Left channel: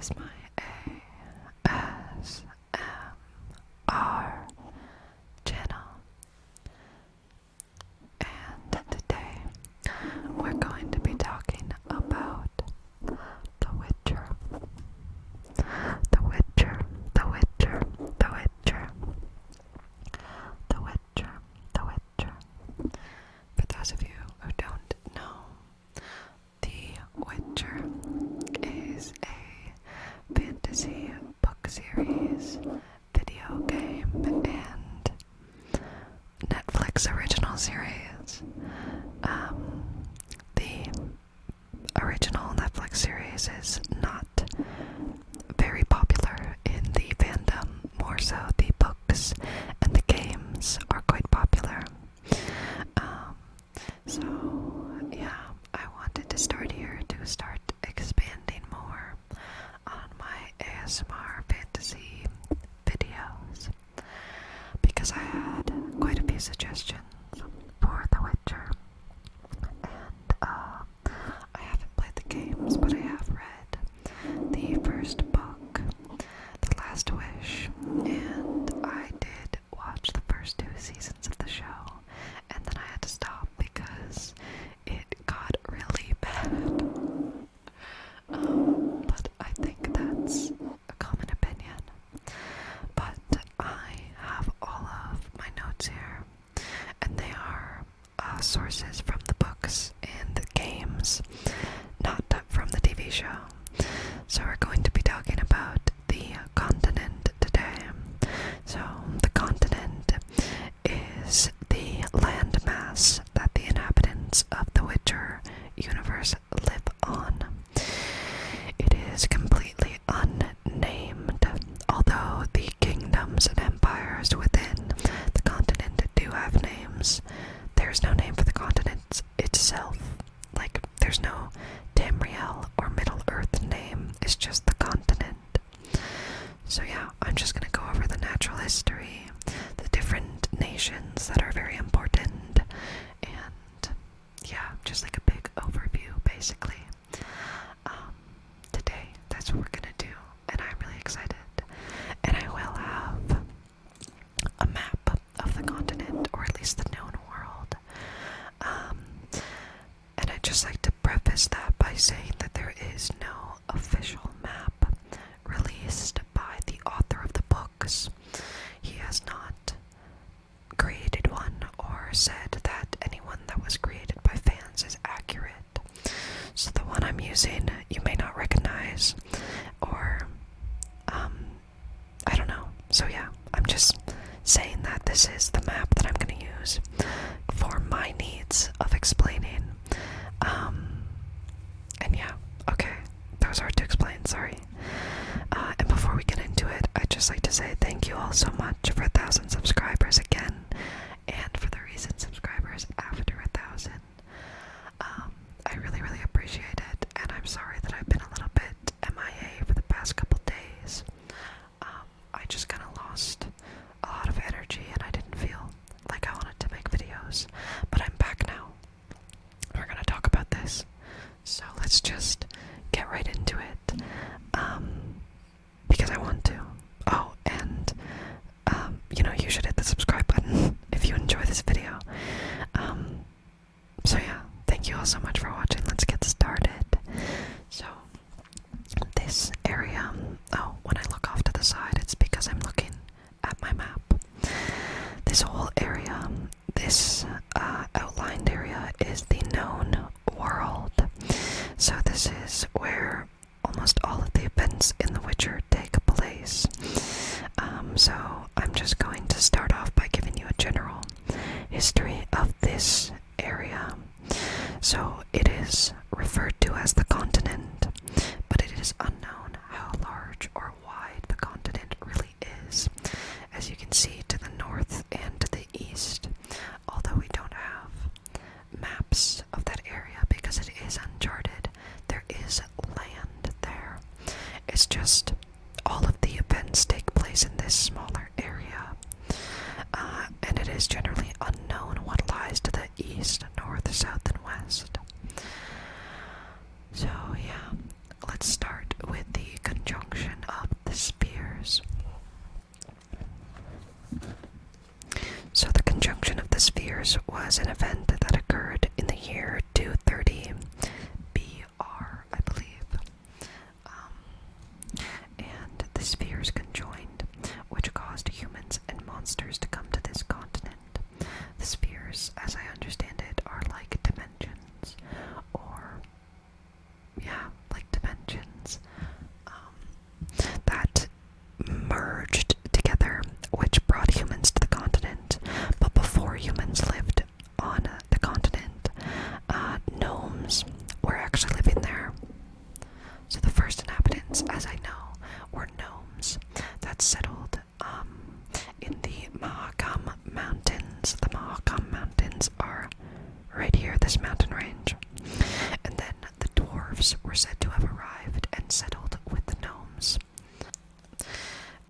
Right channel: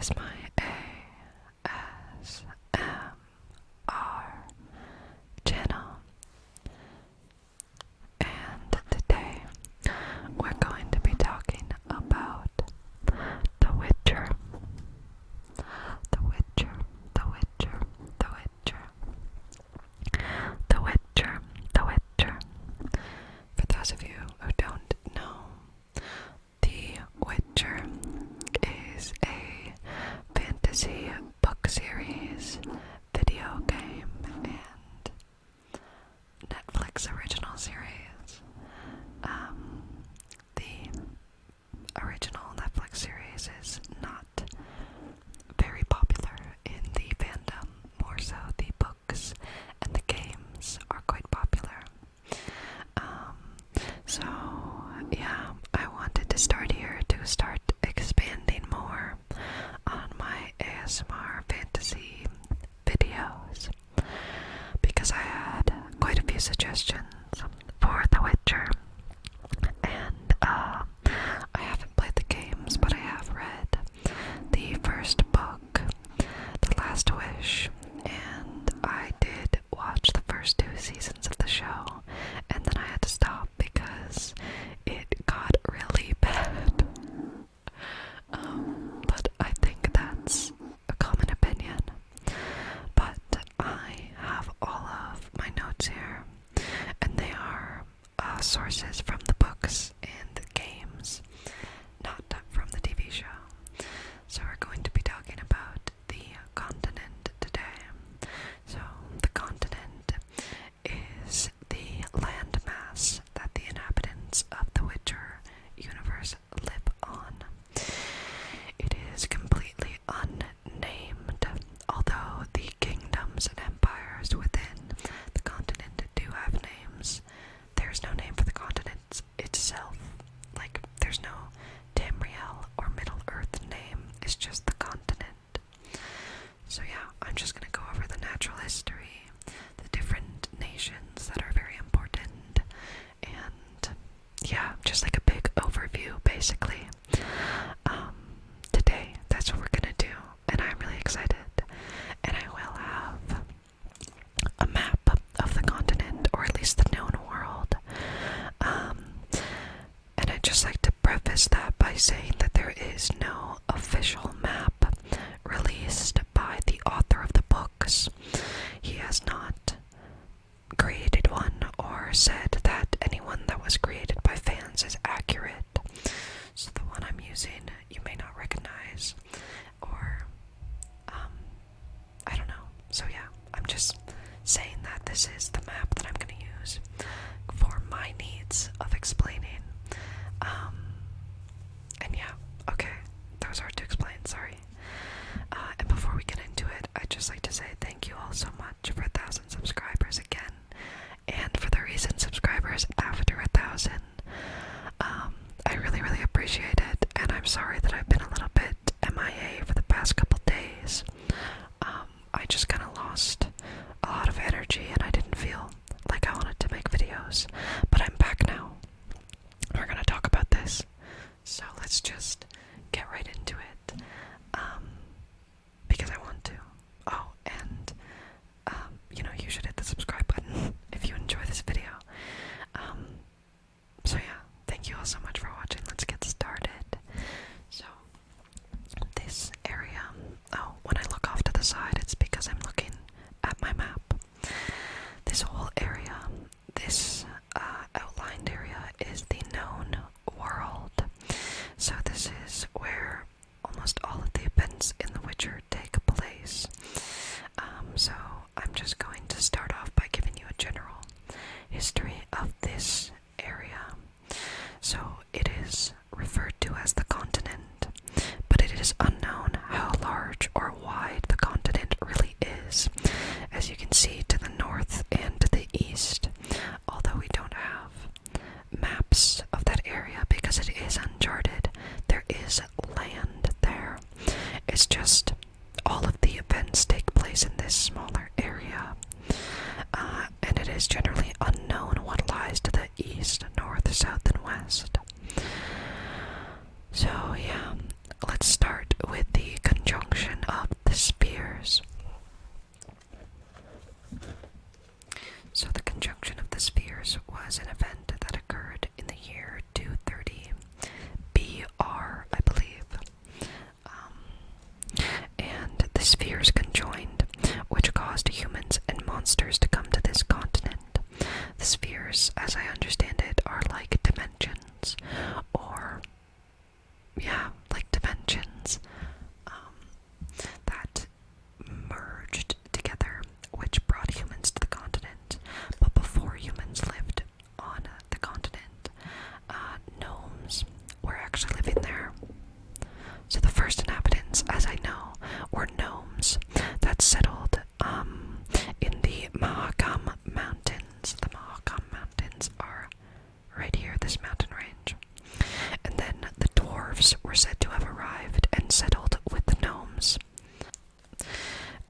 is my ASMR channel, and today we're going to be talking about The Witcher. The Witcher, The Witcher, The Witcher, The Witcher, The Witcher. For those of you who don't know, The Witcher is a fantasy book series, video game, and Netflix original series. The original Netflix series is not very popular in the fandom, more so the books and the games are quite popular. So yeah, I wanted to start here to start expanding more on my ASMR fantasy videos because I had quite a few suggestions for The Witcher, and I haven't played the games, but I have read the first book, The Last Wish, and I did watch the first 2 seasons of the show, and then I had to stop because it got really bad. But I think that's a common opinion. But I have all of my notes here, and they are sources from the books and the games, not from the TV show. So we're going to be talking about the continent today. So the continent is the landmass that the inhabitants of the Witcher universe live on. It is completely unnamed, although the kingdoms and empires within the continent do have names. There's no name for the continent itself. Like, there's no Tamriel or Middle Earth name, it's just the continent. So yeah, I'm just gonna go over the natural history, the different nations that are very important, and yeah, just like a big overview basically. Today, that's what we're gonna do, and I'm really excited. And I will have a map of the continent, or at least the known world. And I'd just like to preface that by saying that there is no official map released by the author of the books. He has not created one or said that anyone that was created by fans is accurate. So the one I'm using you may not recognize, or I don't know. So yeah, I'm just saying that this is the map that I'm going to use for my needs of explaining. And yeah, okay, that was hard to explain, sorry. And before we get into it, I'd just like to say thank you all so much for 1,000 subscribers again, and for the recent subscribers after 1,000. I really, really appreciate it, and I'm sorry that I've been a little bit MIA for the past couple days. I just kind of lost a lot of energy, and I didn't feel like I wanted to make videos, but I'm back now. We're gonna talk about this, so let's just get right into it, because I want to. Oh, and, you should hit the subscribe button if you enjoy this video. So yeah, thank you all so much for watching. Let's get started. So, this area, when I look off to the side, it's because I'm looking at my map. This whole area, this outlined area, is the known world. So this is where almost all of the events in The Witcher take place. So I'm just going to start off by giving you a general history of this area. So it is referred to as the continent, but it is unknown how large or wide the continent really is. As you can see to the north and to the east, although we don't have maps of that area because it is uncharted, there is land there. It's just all of the events take place in this smaller area, and it is generally unknown what lies to the east, north, south, and west. So yeah, let's start with the was an event that occurred in the year 230 BR, I believe. And the spheres conjoined, which caused humans and monsters to come to this continent. The spheres, as I understand it, are like dimensions, or, yeah, like dimensions, that merged together, which brought humans to the continent. But before humans lived on the continent, gnomes were actually living there. So the first inhabitants, as I know, were gnomes that settled in the Mahakam Mountains. The Mahakam Mountains are right here, this mountain range. And then the dwarves were said to have arrived and settled with the gnomes.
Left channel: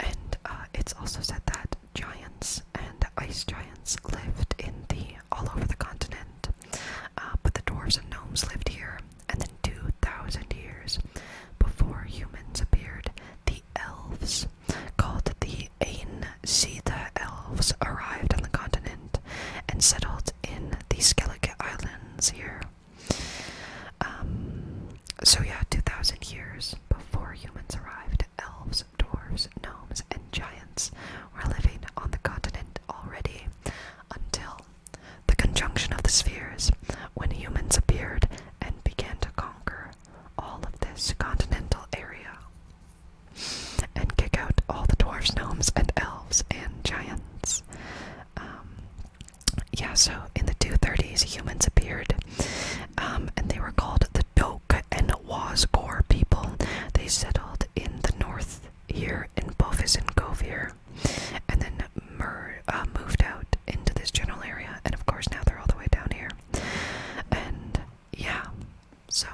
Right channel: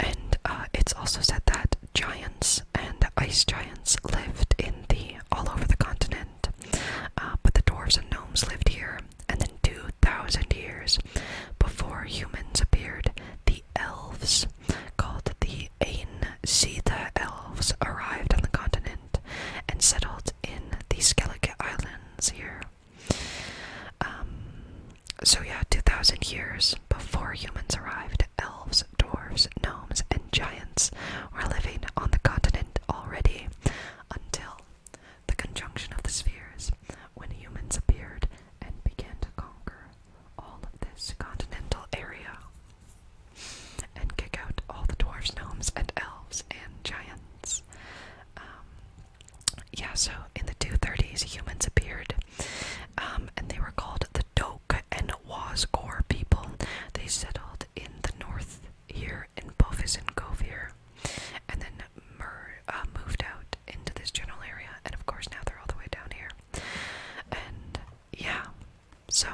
And it's also said that giants and ice giants lived all over the continent. But the dwarves and gnomes lived here, and then 2,000 years before humans appeared, the elves, called the Ain Sita elves, arrived on the continent and settled in the Skellige Islands here. So yeah, 2,000 years before humans arrived, elves, dwarves, gnomes, and giants were living on the continent already, until the conjunction of the spheres, when humans appeared and began to conquer all of this continental area and kick out all the dwarves, gnomes, and elves and giants. Yeah, so in the 230s, humans appeared, and they were called the Doke and Wazgor people. They settled in the north here in Bovis and Govir, and then moved out into this general area, and of course now they're all the way down here. And yeah, so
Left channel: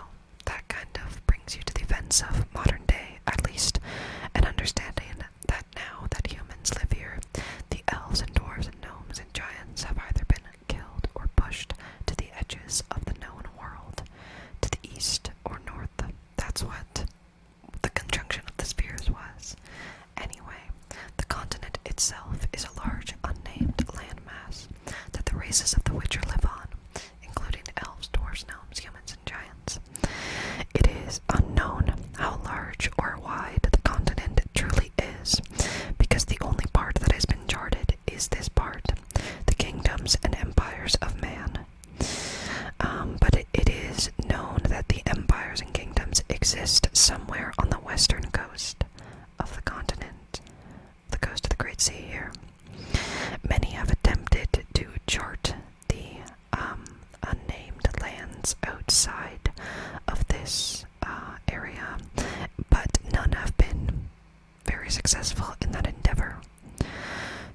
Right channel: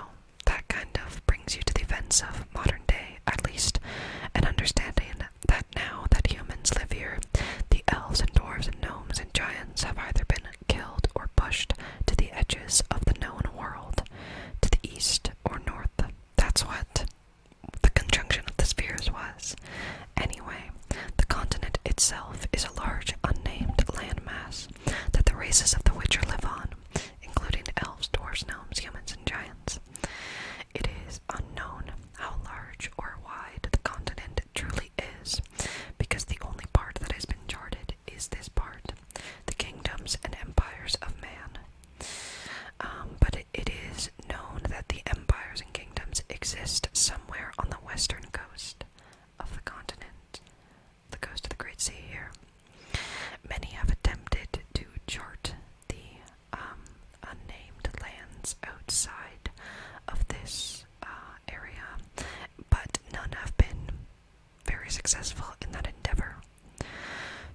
that kind of brings you to the events of modern day, at least, and understanding that now that humans live here, the elves and dwarves and gnomes and giants have either been killed or pushed to the edges of the known world, to the east or north. That's what the conjunction of the spheres was. Anyway, the continent itself is a large unnamed landmass that the races of the Witcher live on, including elves, dwarves, gnomes, humans, and giants. It is unknown how large or wide the continent truly is, because the only part that has been charted is this part, the kingdoms and empires of man. But it is known that the empires and kingdoms exist somewhere on the western coast of the continent, the coast of the Great Sea here. Many have attempted to chart the unnamed lands outside of this area, but none have been very successful in that endeavor.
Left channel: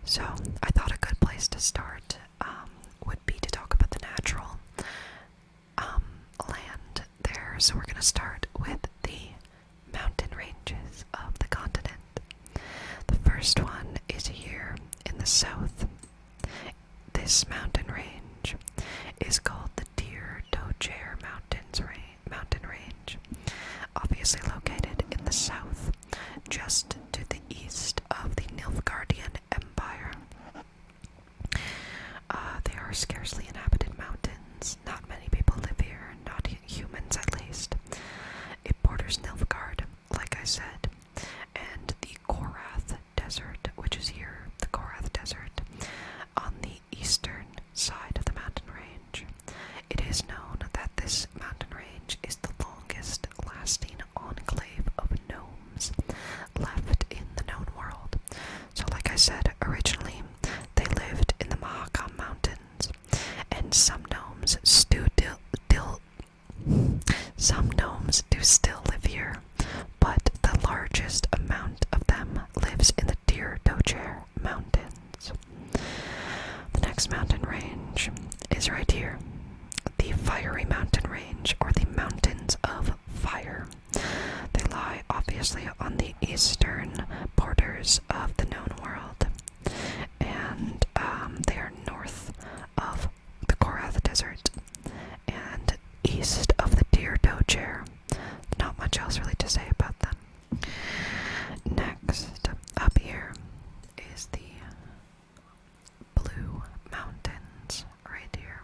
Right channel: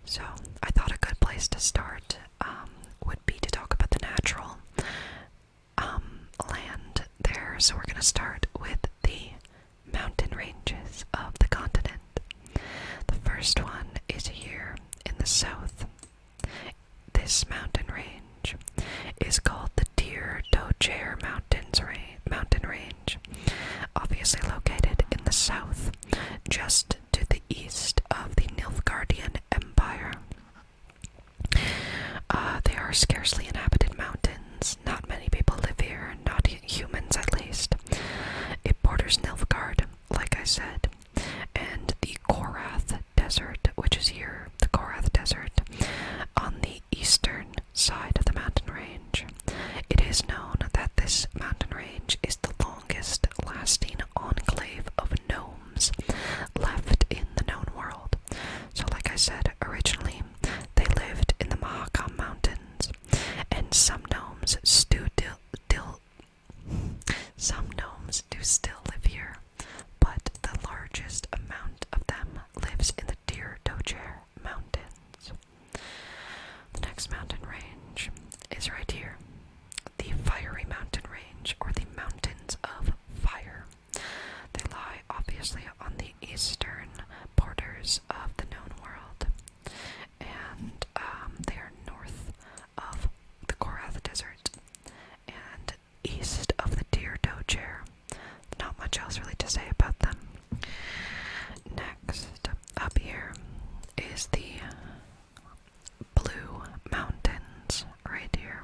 So I thought a good place to start would be to talk about the natural land there. So we're going to start with the mountain ranges of the continent. The first one is here in the south. This mountain range is called the Deer Dojer mountain range, obviously located in the south, just to the east of the Nilfgaardian Empire. They are scarcely inhabited mountains. Not many people live here, not humans at least. It borders Nilfgaard, like I said, and the Korath Desert, which is here, the Korath Desert, on the eastern side of the mountain range. It is known that this mountain range is the longest lasting enclave of gnomes left in the known world. So like I said, originally they lived in the Mahakam Mountains, and some gnomes do still live here, but the largest amount of them lives in the Deer Dojer Mountains. The next mountain range is right here, the Fiery Mountain Range, or the Mountains of Fire. They lie obviously on the eastern borders of the known world, and they are north of the Korath Desert and east of the Deer Dojer. Not much else really to say about them. Next, up here is the Blue Mountains, right here.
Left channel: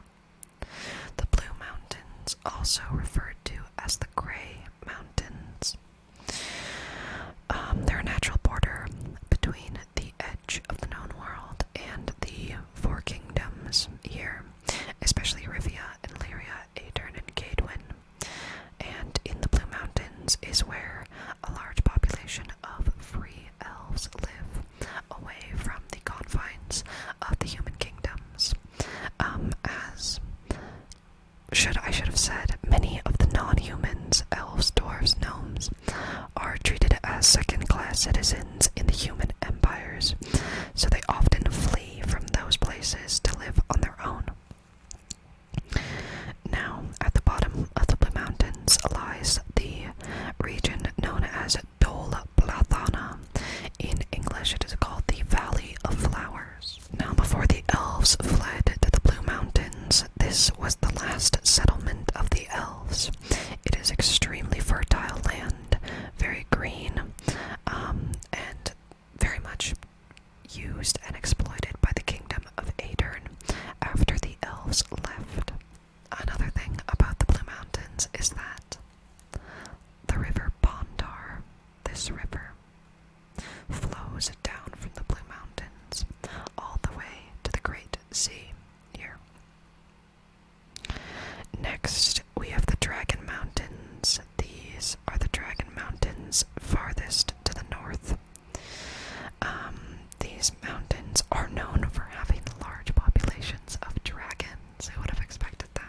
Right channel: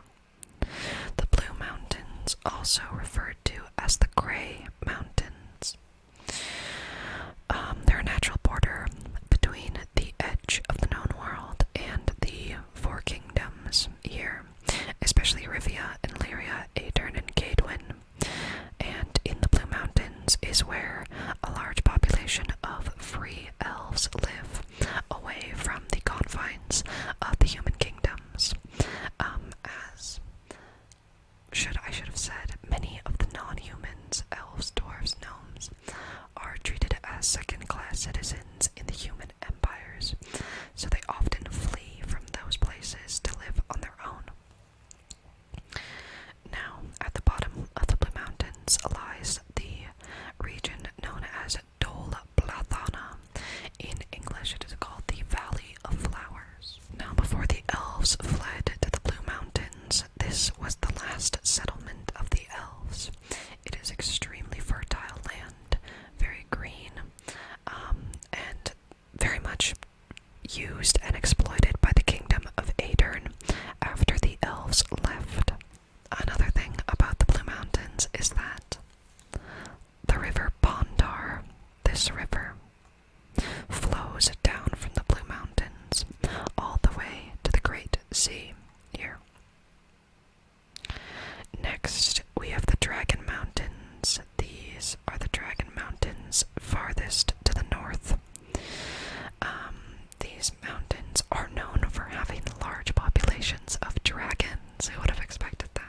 second-class citizens in the human empires, so they often flee from those places to live on their own. Now, at the bottom of the Blue Mountains lies the region known as Dol Blathana. In English, it is called the Valley of Flowers. Now, before the elves fled to the Blue Mountains, this was the last settlement of the elves. It is extremely fertile land, very green, and very much used and exploited by the kingdom of Aedirn after the elves left. Another thing about the Blue Mountains is that the river Bondar, this river, flows down from the Blue Mountains all the way to the Great Sea here. Next, we have the Dragon Mountains. These are the Dragon Mountains farthest to the north. These mountains are known for having large populations of dragons. Who would have expected that?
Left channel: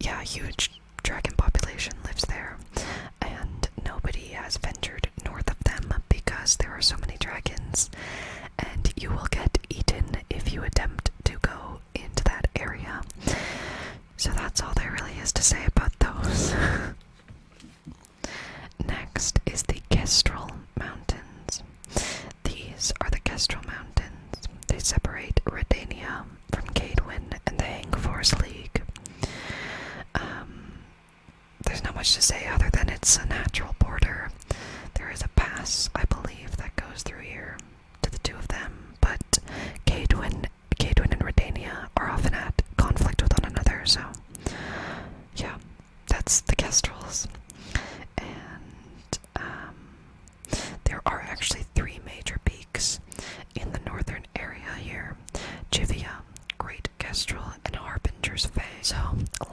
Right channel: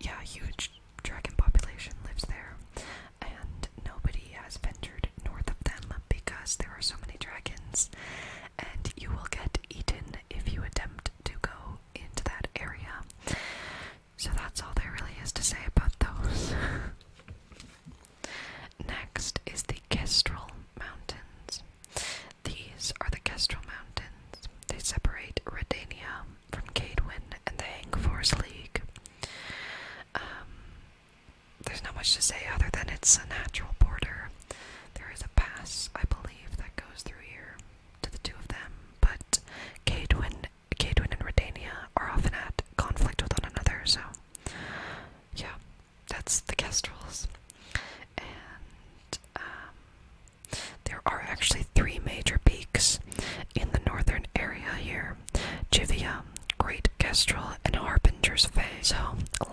Yeah, a huge dragon population lives there, and nobody has ventured north of them because there are so many dragons, and you will get eaten if you attempt to go into that area. So that's all there really is to say about those. Next is the Kestrel Mountains. These are the Kestrel Mountains. They separate Redania from Cadwyn and the Hangforce League. There's not much to say other than it's a natural border. There is a pass, I believe, that goes through here to the two of them, but Cadwyn and Redania are often at conflict with one another, so yeah, that's the Kestrels. And there are actually three major peaks in the northern area here: Jivia, Great Kestrel, and Harbinger's Fay. So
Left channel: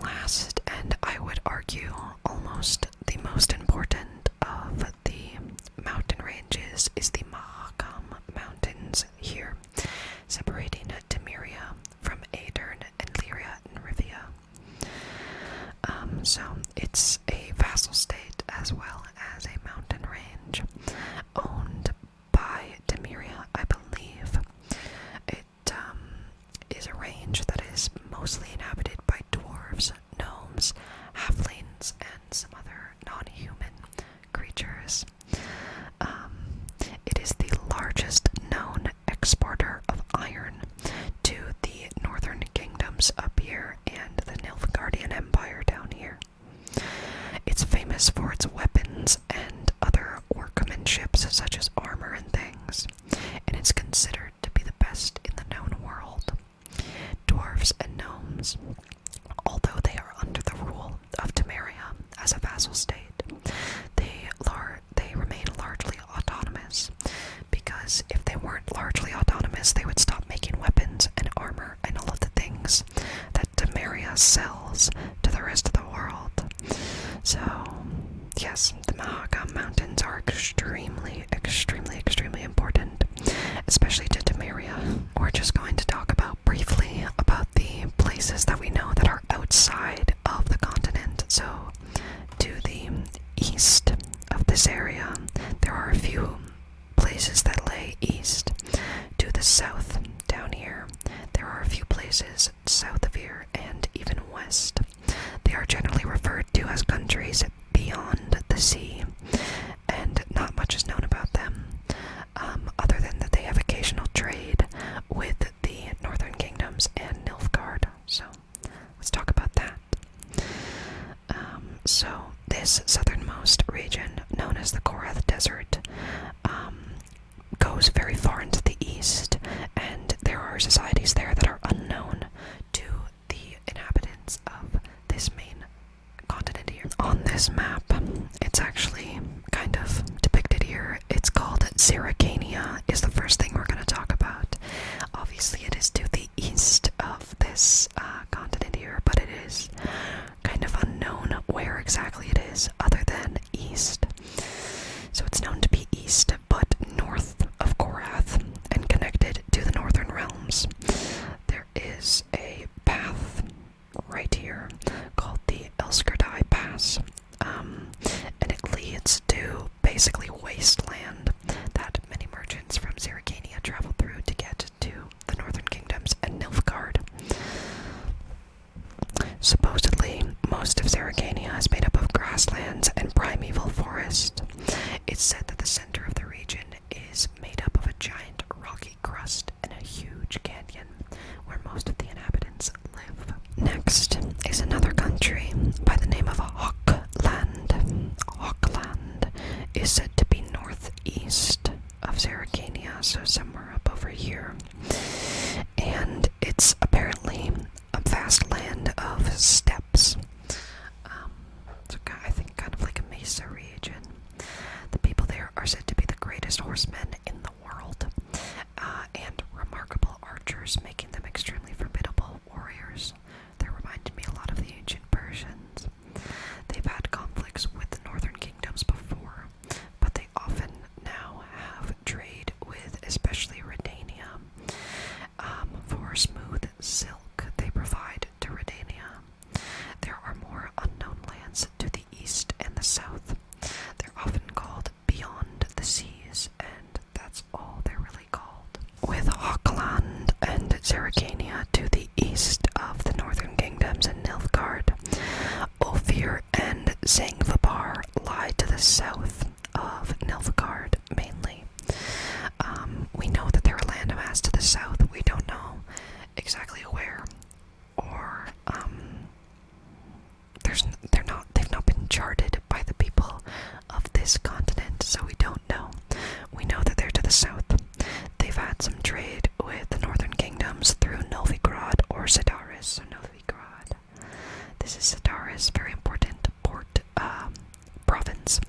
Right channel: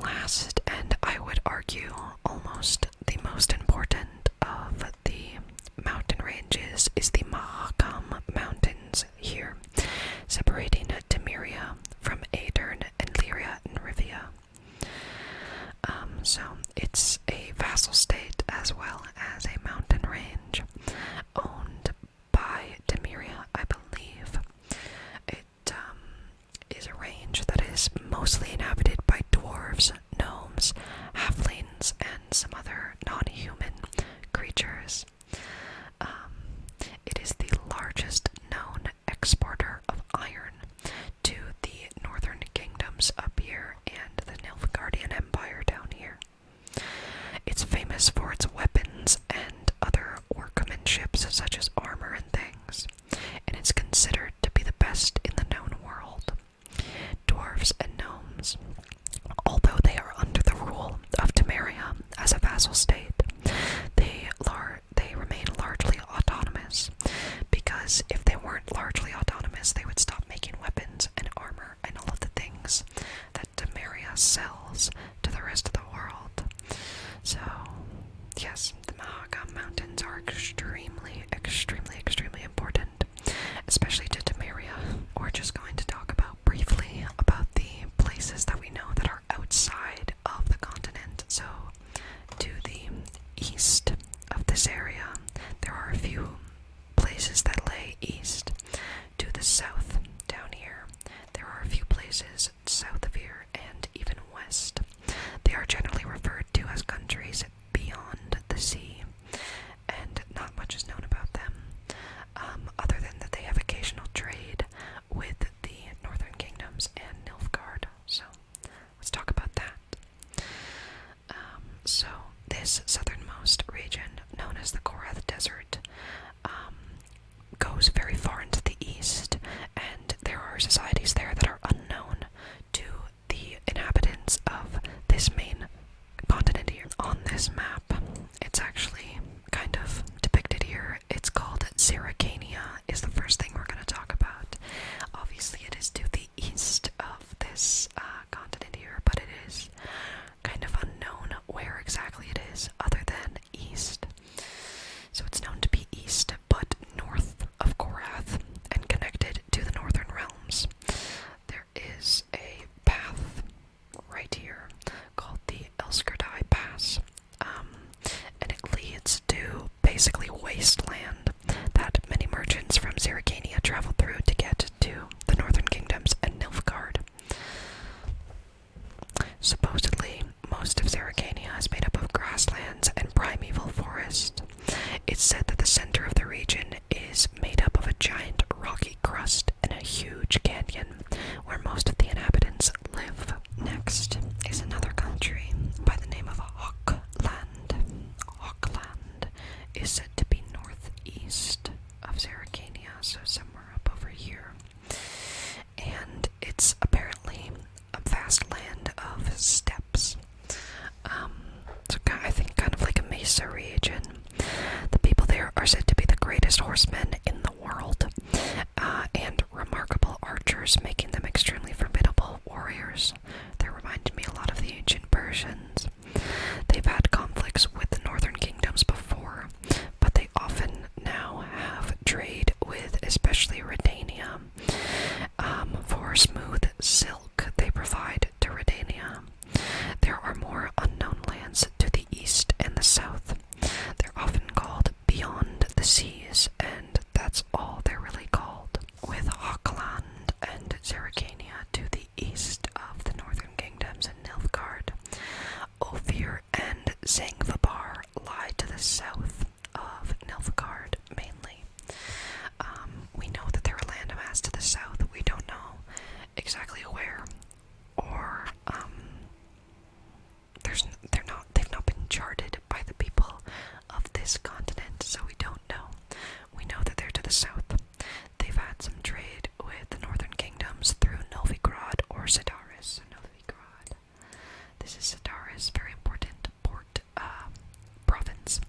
last, and I would argue almost the most important of the mountain ranges, is the Mahakam Mountains here, separating Temeria from Aedirn and Lyria and Rivia. So it's a vassal state as well as a mountain range, owned by Temeria, I believe. It is a range that is mostly inhabited by dwarves, gnomes, halflings, and some other non-human creatures. It is the largest known exporter of iron to the northern kingdoms up here and the Nilfgaardian Empire down here. It's famous for its weapons and other workmanship, such as armor and things, and it's considered to be the best in the known world. Dwarves and gnomes, although they are under the rule of Temeria as a vassal state, they remain largely autonomous, because if they weren't largely autonomous, they would stop making weapons and armor and all of the things that Temeria sells to the rest of the world. So, yes, the Mahakam Mountains are extremely, extremely, extremely important, especially to Temeria. We're just going to talk about briefly about the places that we know that are outside of the continent. So, to the east of this area, there are a few places that lay east. To the south, down here, there are a few places south of here and even west. They are generally referred to as countries beyond the sea, and not much is known about them, other than that they have occasional trade with the northern kingdoms and Nilfgaard. So let's talk about that. So this southernmost region, known as the Korath Desert, goes very far into the east, and there are societies there that are unknown to the inhabitants of this main continent here. On this map, it's actually kind of depicted here. It's called Zerrikania, is the first thing we're going to talk about. Obviously, it is to the east of this continent here, but it is kind of unknown where exactly it is, other than east. So it's known to be east, but north of Korath, and connected to the northern realms. There is a path right here called the Elskerdai Pass, and it leads It's said that the center of the region is made up of a giant rocky crust and a huge canyon where most of the inhabitants live. Next is another country by the name of Hawkland. Hawkland is said to be northeast of Zerrikania, so somewhere up over here. And it's apparently a vast land of steppes. So I think kind of like a mesa region. The people there are said to be the greatest horsemen in the world, and remarkable archers, making them extremely formidable warriors. They remind me a lot of the ancient Persians. They've had conflicts with the northern kingdoms before, but they often now have trade with especially Redania. For smooth silk they provide to Redania. There are more unknown lands to the east and the south. They're often called beyond the seas, and that's all they're really called. With Hawkland and Zerrikania to the east of the northern kingdoms and Nilfgaard, Ophir and Zangvibar lie to the south of Nilfgaard mainly. We know that there are landmass to the south. We don't know exactly where, or they've not been charted by the people of this continent, so we don't know. We know that they're to the south. They've had some trade with the northern kingdoms through Novigrad or Sidaris. So Novigrad, this is Sidaris, very important port province,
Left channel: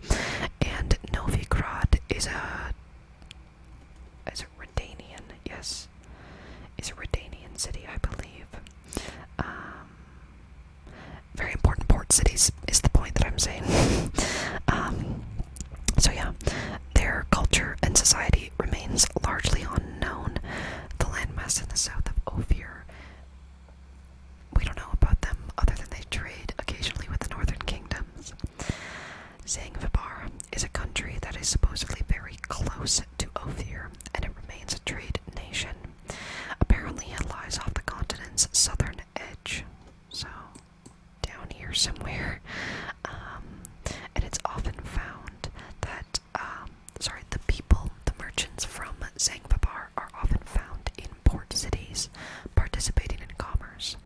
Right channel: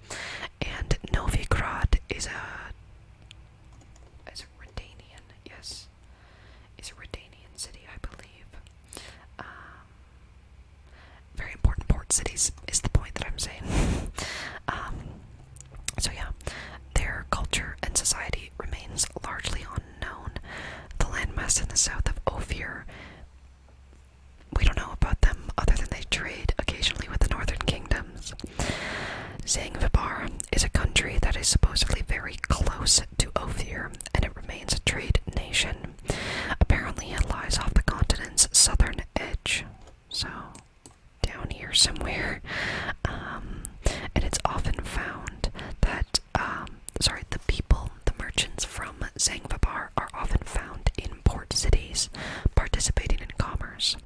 and Novigrad is a Redanian, yes, is a Redanian city, I believe. Very important port cities is the point that I'm saying. So yeah, their culture and society remains largely unknown. The landmass in the south of Ophir, we don't know about them other than they trade occasionally with the northern kingdoms. Zangvibar is a country that is supposedly very close to Ophir, and it remains a trade nation. Apparently it lies off the continent's southern edge, so down here somewhere. And it's often found that, the people, the merchants from Zangvibar are often found in port cities, participating in commerce.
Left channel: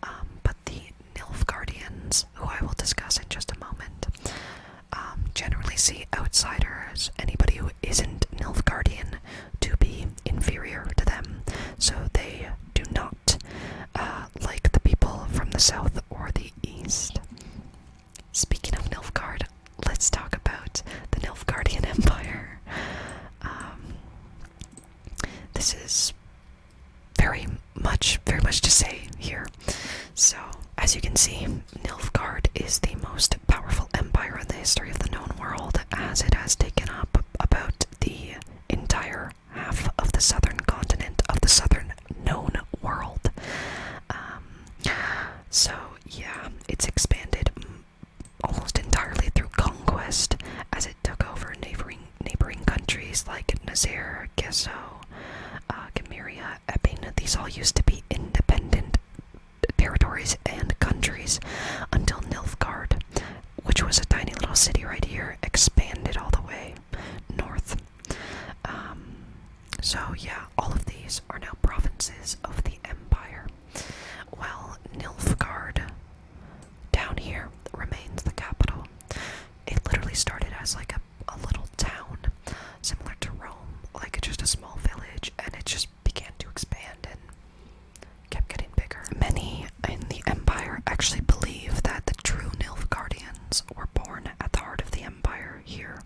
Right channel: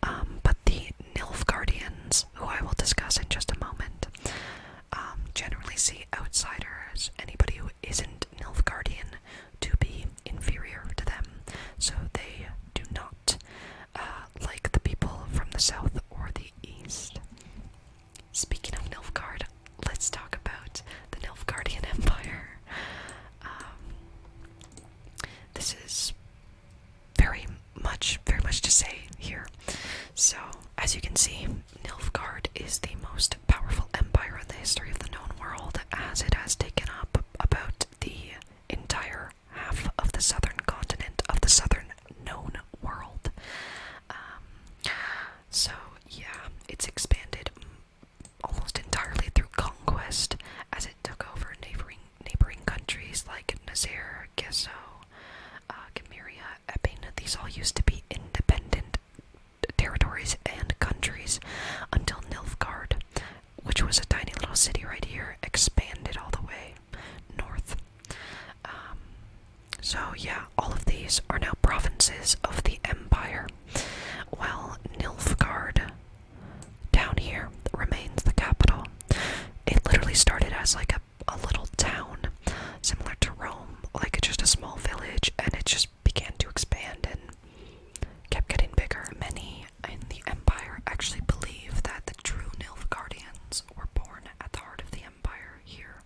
But the Nilfgaardians, who I will discuss in just a moment, generally see outsiders, anybody who isn't Nilfgaardian, to be inferior to them, so they do not like the people from the south or the east. Speaking of Nilfgaard, let's talk about the Nilfgaardian Empire. This is very much to say here. So, as you can see, Nilfgaard is the most powerful empire in the history of the known world, as it has taken up about the entire half of the southern continent of the southern known world. So yeah, it's expanded almost entirely through conquest, as it took over neighboring countries like Nazair, Gesso, Gamiria, Epping. These all used to be independent territories and countries until Nilfgaard, which was a tiny little city right here, expanded all the way north. So yeah, all of these are now provinces of the empire. Well, Nilfgaard down here remains the capital. It literally started as like a little town, similar to Rome, like just a small village, and it just began to expand and kept getting bigger. Many in the empire actually believe that the true Nilfgaardians were born at the heart of the empire here.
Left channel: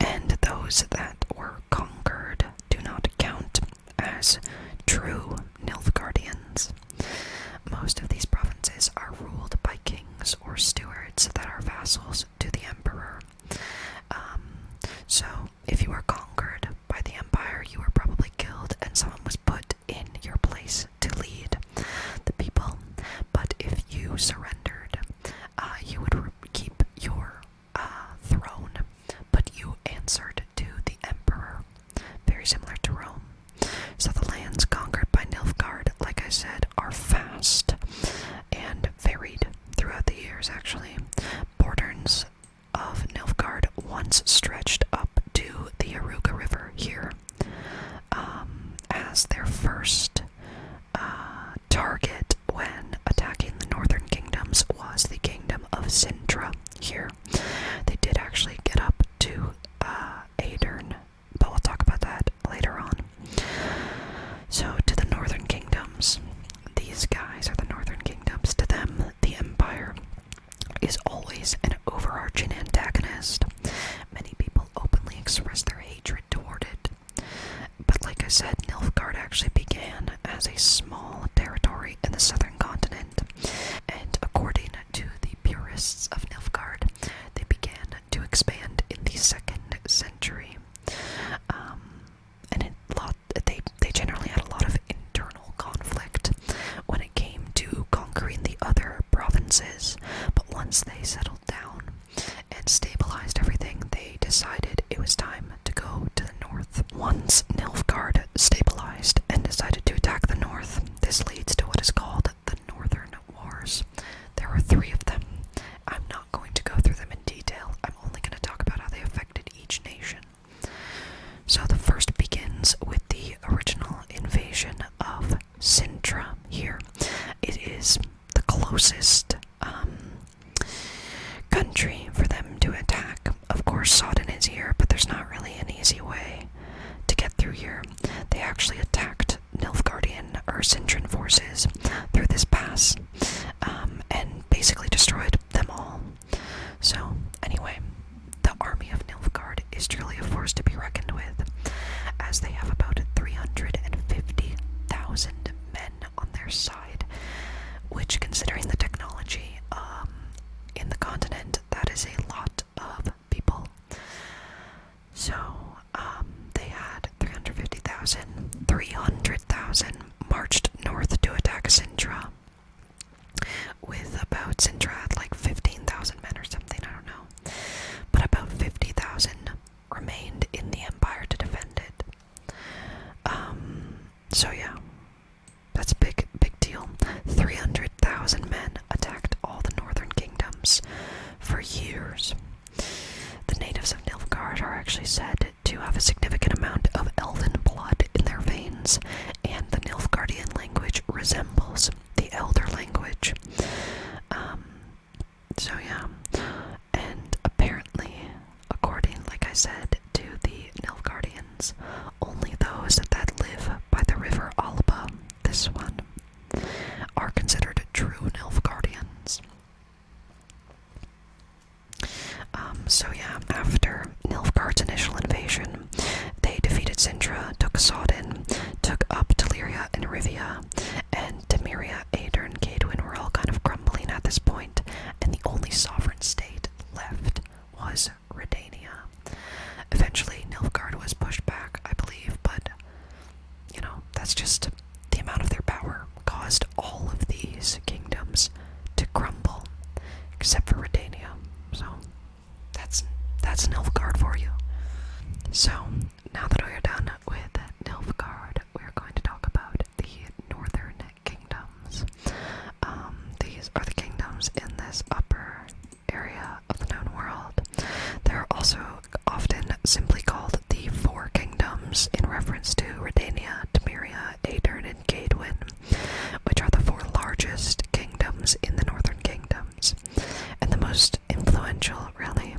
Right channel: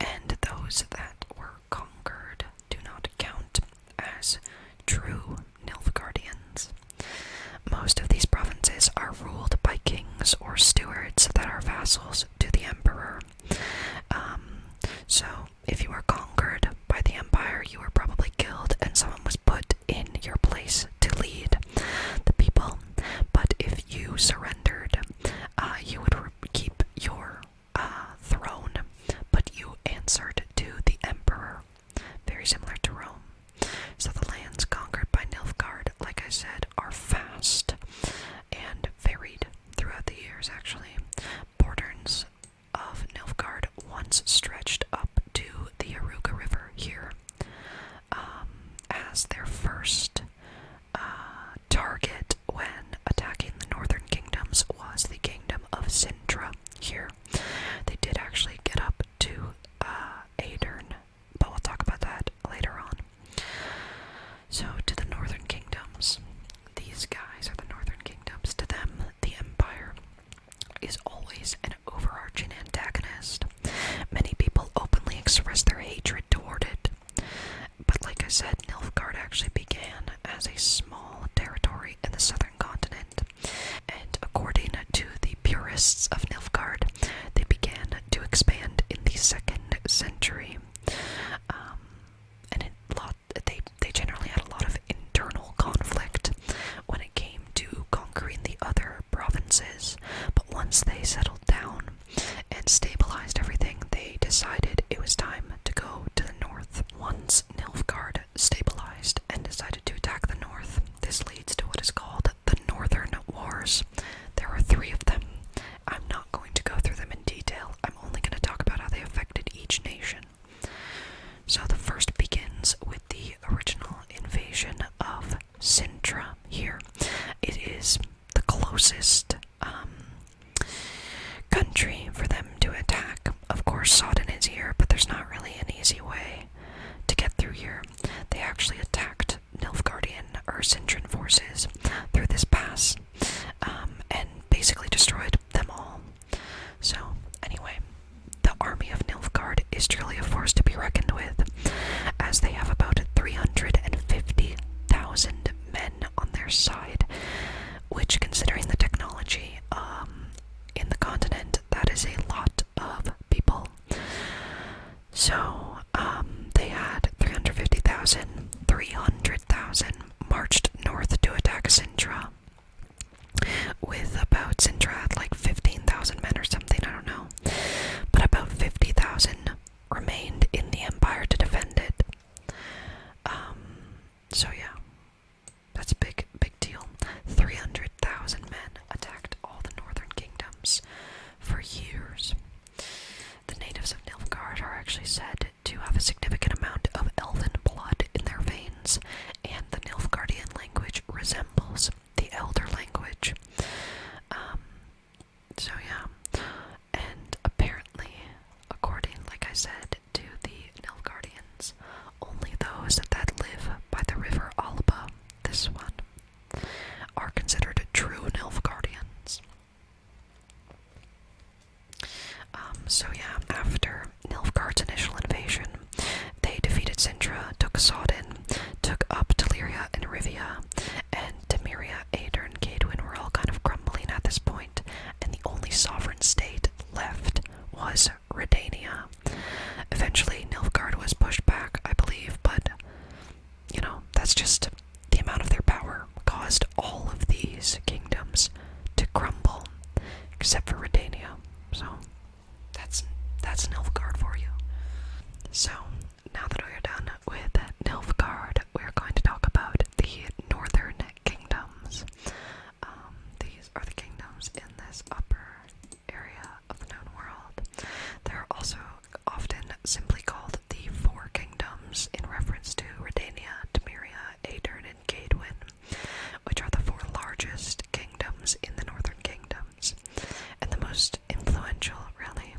And those that were conquered do not count as true Nilfgaardians. Most of these provinces are ruled by kings or stewards that are vassals to the emperor. So, if you were conquered by the empire, you were probably killed and someone was put in your place to lead the people. But if you surrendered, you would keep your throne, but you answered to the emperor. Very similar to Rome. So the lands conquered by Nilfgaard, like I said, are vast and varied throughout the years, actually. Borders of here. They did actually get up to Aedirn, but we'll talk about that later on. So, to the northern kingdoms. These guys are the northern kingdoms. To them, the Empire is always an overarching antagonist. Many people openly express their hatred toward it. But like I said, Nilfgaard actually began as a small territory in the southern continent. And according to the purists of Nilfgaard, they began to expand in the 2nd century. And they generally had a lot of internal conflict when it came to conquering the other provinces. But once they settled down and stabilized everything, they decided it was time to go to the north. Once Nilfgaard stabilized and decided to attack the north, this leads to what is called the Northern Wars. There are 3 of them. I'm not going to go through them in detail. I'm only going to talk about how they affected each nation. So the first begins with the original invasion of Sintra here. It is the closest country for them to attack. Of course, Sodden is here, but there's not really an easy way to get through here. They actually attacked Nilfgaardian or Sintran forces through this pass, and basically destroyed them all. So, anyway, the army of Nilfgaard is truly a force to be reckoned with, as they have about 350,000 men on their side, which, considering the technology in the continent, that is a lot of people. So, they had 300,000 marched north to attack Sintra, with about Sintra had like 15,000 men or something, I don't know. But about 50,000 remained in the empire to defend it. So yeah, that's a big deal. 300,000 men attacked all the northern kingdoms for years. The natives of Nilfgaard are actually said to have a significant amount of elven blood in their veins, and the Nilfgaardian language resembles the Elder language. So yeah, and apparently, according, like I said, to the Nilfgaardians, only those that live by the river Alba, this one, are considered true Nilfgaardians. So yeah, after Nilfgaard's initial invasion, they defeated Sintra, took Sodden, took up Telyria and Rivia, and Temeria, Aedirn, and Cadwyn were all kind of crumbling at this point, and the only sovereign state left was Redania. Eventually, Nilfgaard was pushed back, I believe, but, you know, that's just the amount of their power caused all of these kingdoms to crumble, except for Redania. So, that's Nilfgaard for you. So, now that we're done with Nilfgaard, we're going to talk about the northern kingdoms. These are the kingdoms in this upper area of the known world. They're also often simply called the Four Kingdoms in reference to Redania, Temeria, Aedirn, and Cadwyn, which are the 4 largest kingdoms in the northern kingdoms, and the most influential, really.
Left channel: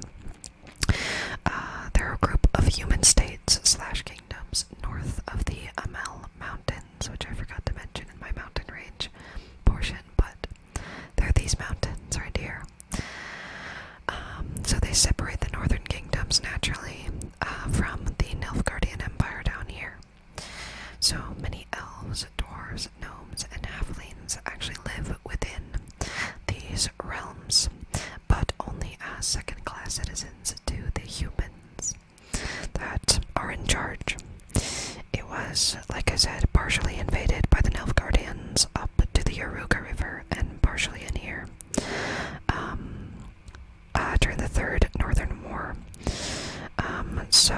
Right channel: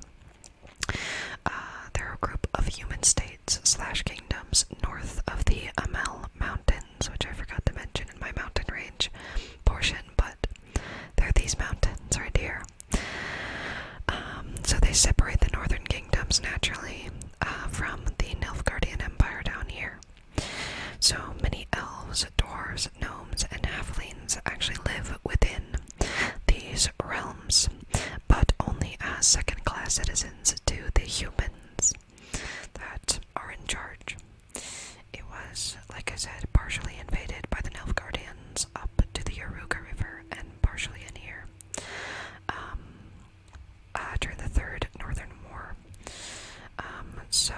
They're a group of human states / kingdoms north of the Amel Mountains, which I forgot to mention in my mountain range portion, but they're these mountains right here. So they separate the northern kingdoms naturally from the Nilfgaardian Empire down here. So many elves, dwarves, gnomes, and halflings actually live within these realms, but only as second-class citizens to the humans that are in charge. It was, like I said, partially invaded by the Nilfgaardians up to the Yaruga River and partially in here during the Third Northern War. So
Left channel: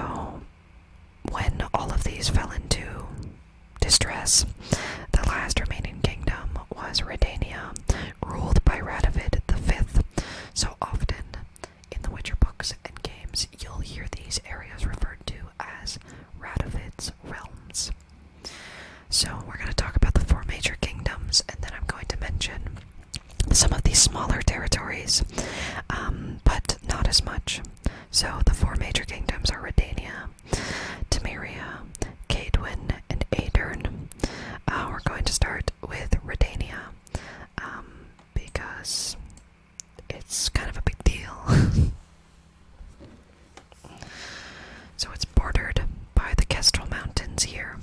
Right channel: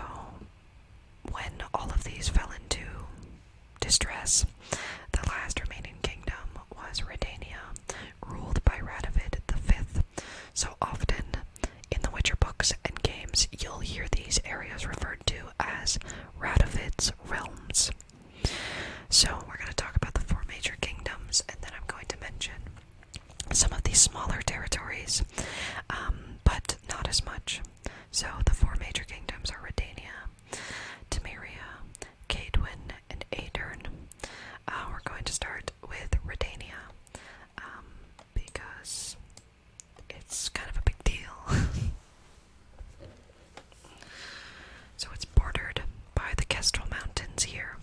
when all of these fell into distress, the last remaining kingdom was Redania, ruled by Radovid V. So often in the Witcher books and games, you'll hear these areas referred to as Radovid's realms. So we're going to talk about the 4 major kingdoms, and then I'm going to mention some of these smaller territories. But as much. So the four major kingdoms are Redania, Temeria, Cadwin, and Aedirn. We're going to start with Redania, because it's kind of a big deal. So it's bordered by the Kestrel Mountains here,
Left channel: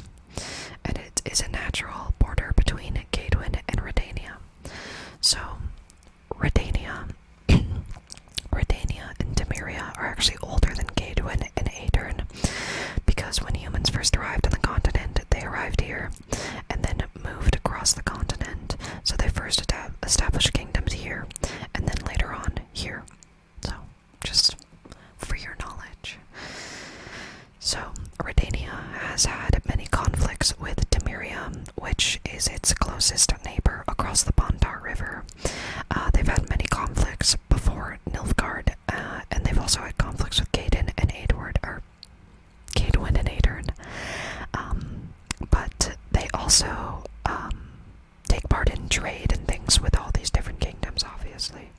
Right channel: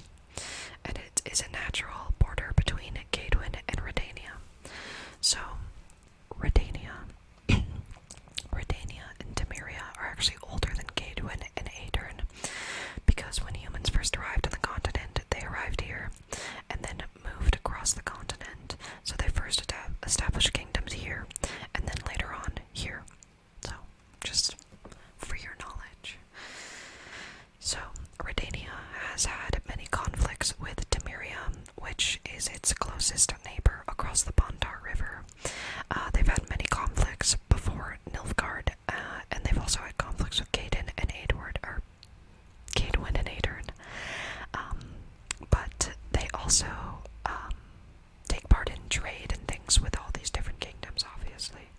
and it is a natural border between Cadwin and Redania. So Redania, Redania and Temeria are actually older than Cadwin and Aedirn, because when humans first arrived on the continent, they arrived here and then moved across the continent. So they first established kingdoms here, and then later on here. So, just for your knowledge. So, Redania has had many conflicts with Temeria, which is its closest neighbor across the Bondar River. They've had many conflicts before Nilfgaard, and they've also had conflicts with Cadwin and Aedirn. But they also take part in trade and things with all these different kingdoms, obviously.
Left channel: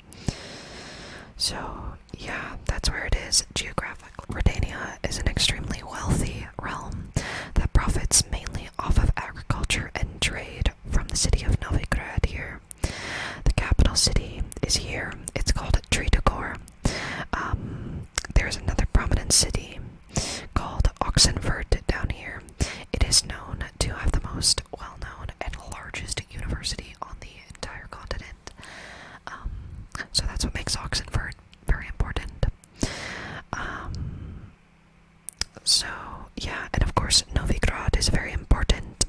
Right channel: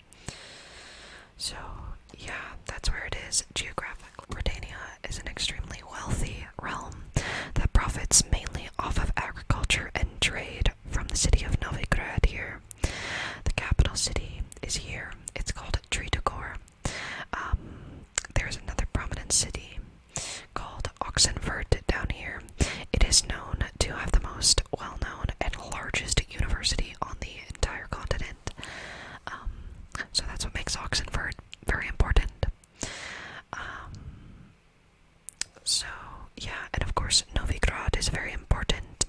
So, yeah, that's where it is geographically. Redania is an extremely wealthy realm that profits mainly off of agriculture and trade from the city of Novigrad here. The capital city is here. It's called Tritogor. There's another prominent city called Oxenfurt down here. It is known to have the most well-known and largest university on the entire continent. So that's what makes Oxenfurt very important. So, yeah, and of course Novigrad is a very important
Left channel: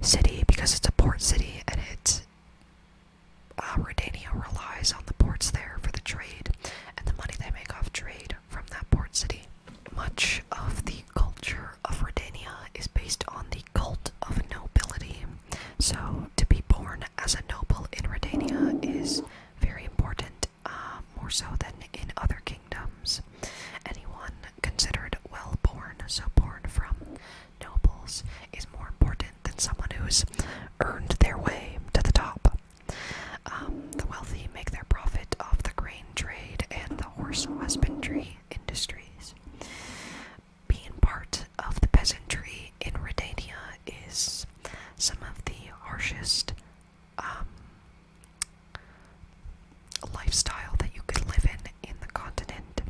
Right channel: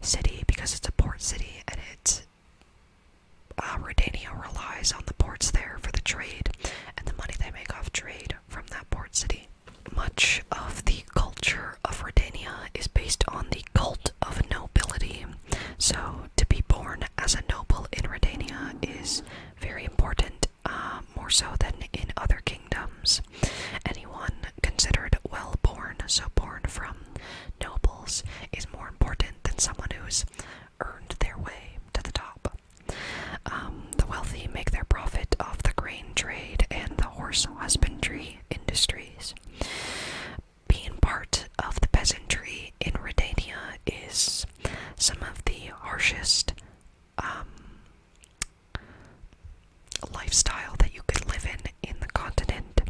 city because it's a port city, and Redania relies on the ports there for the trade and the money they make off trade from that port city. Much of the culture of Redania is based on the cult of nobility. So to be born as a noble in Redania is very important, more so than in other kingdoms. Anyone considered well-born, so born from nobles, is more important than someone who's earned their way to the top. The wealthy make their profit off the grain trade and the horse husbandry industries. Being part of the peasantry in Redania is some of the harshest lifestyle that you could live in the continent,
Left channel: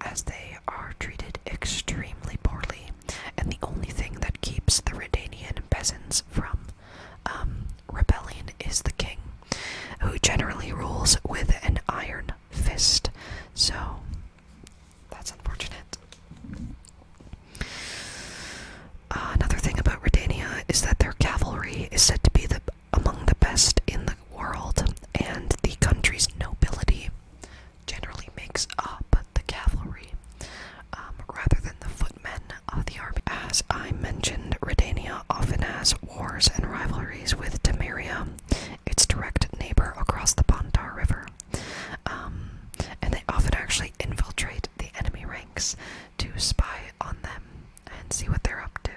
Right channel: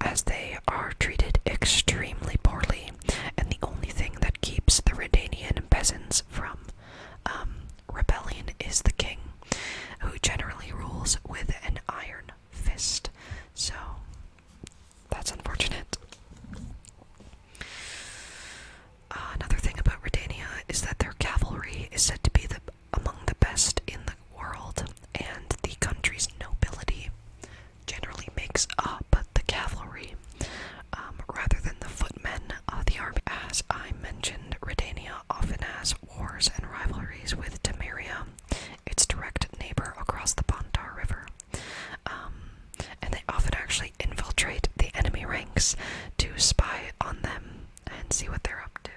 as they are treated extremely poorly, and the only thing that keeps the Redanian peasants from rebelling is the king, who generally rules with an iron fist. So that's unfortunate. Another thing about Redania is that their cavalry is said to be among the best in the world, and the country's nobility generally makes up the cavalry, rather than the footmen of the army. As I mentioned, Redania often has wars and rivalries with Temeria, its direct neighbor across the Bondar River, and they often actually infiltrate the enemy ranks to spy on them and see what they're up to.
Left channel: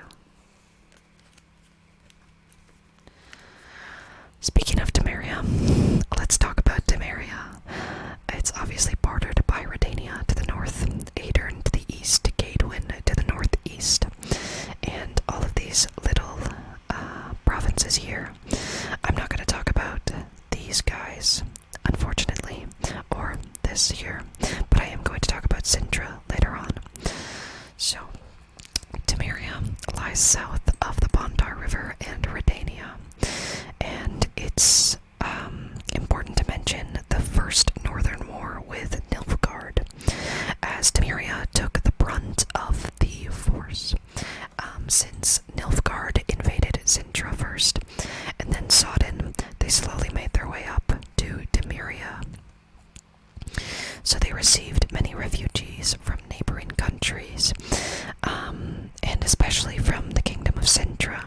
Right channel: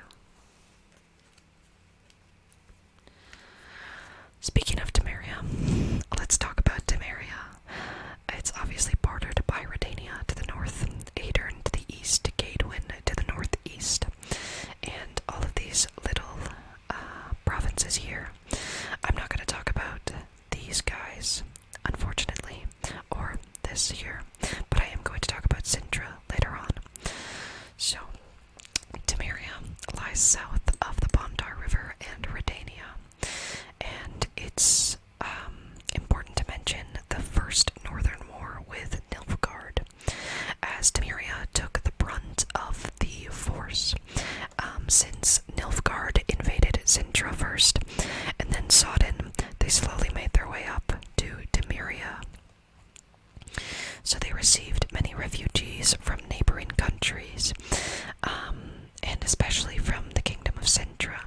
Speaking of Temeria, let's talk about Temeria. It's obviously bordered by Redania to the north, Aedirn to the east, Cadwin to the northeast, and all of these little provinces here. I'm not going to talk about these guys, unfortunately, or this here, but I am going to talk about Sintra later on. So, Temeria lies south of the Bondar River and Redania, and it's important to mention the First Northern War with Nilfgaard, as Temeria took the brunt of the force, since Nilfgaard invaded Sintra first, and then Sodden. They slowly made their way up to Temeria. So they received many refugees from neighboring countries, and especially from the Kingdom of Sintra,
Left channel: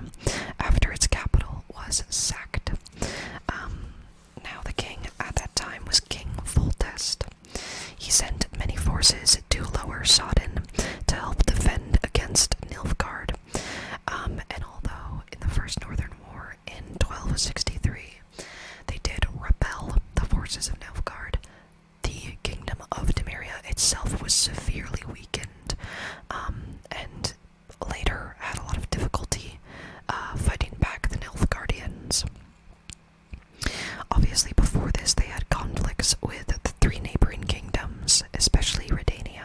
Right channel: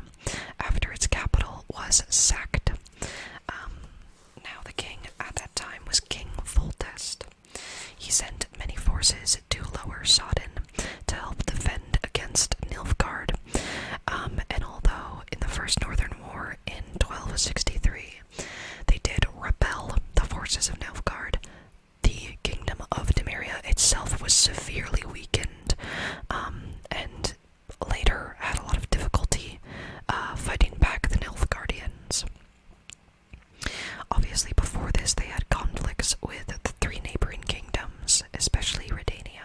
after its capital was sacked. Now the king at that time was King Foltest. He sent many forces to Lower Sodden to help defend against Nilfgaard, and although in the First Northern War in 1263 they did repel the forces of Nilfgaard, the Kingdom severely weakened, and later had a lot of difficulty fighting back the Nilfgaardians. Obviously, before this, they had conflicts with the three neighboring kingdoms, especially Redania.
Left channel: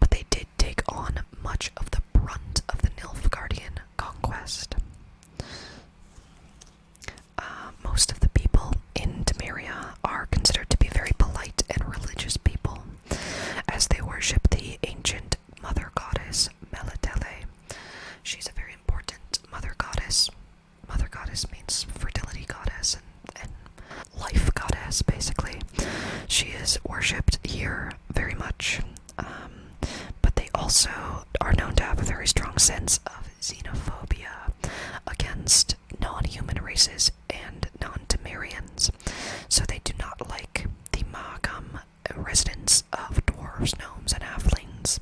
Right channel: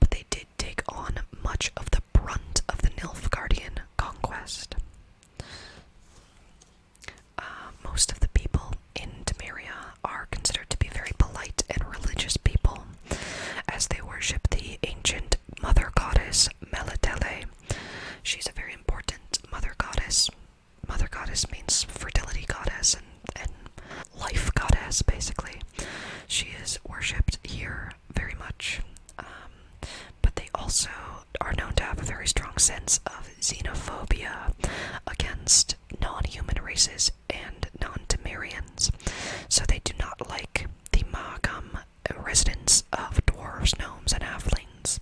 But they did take on much of the brunt of the Nilfgaardian conquest. Most of the people in Temeria are considered to be very polite and religious people, as they worship the ancient mother goddess Melitele. She's a very important mother goddess. Mother goddess means fertility goddess and life goddess, basically. She is worshipped here very much, but they also are known to have a very strong sense of xenophobia against non-human races and non-Temerians. So they do not like the Mahakam residents of dwarves, gnomes, and halflings.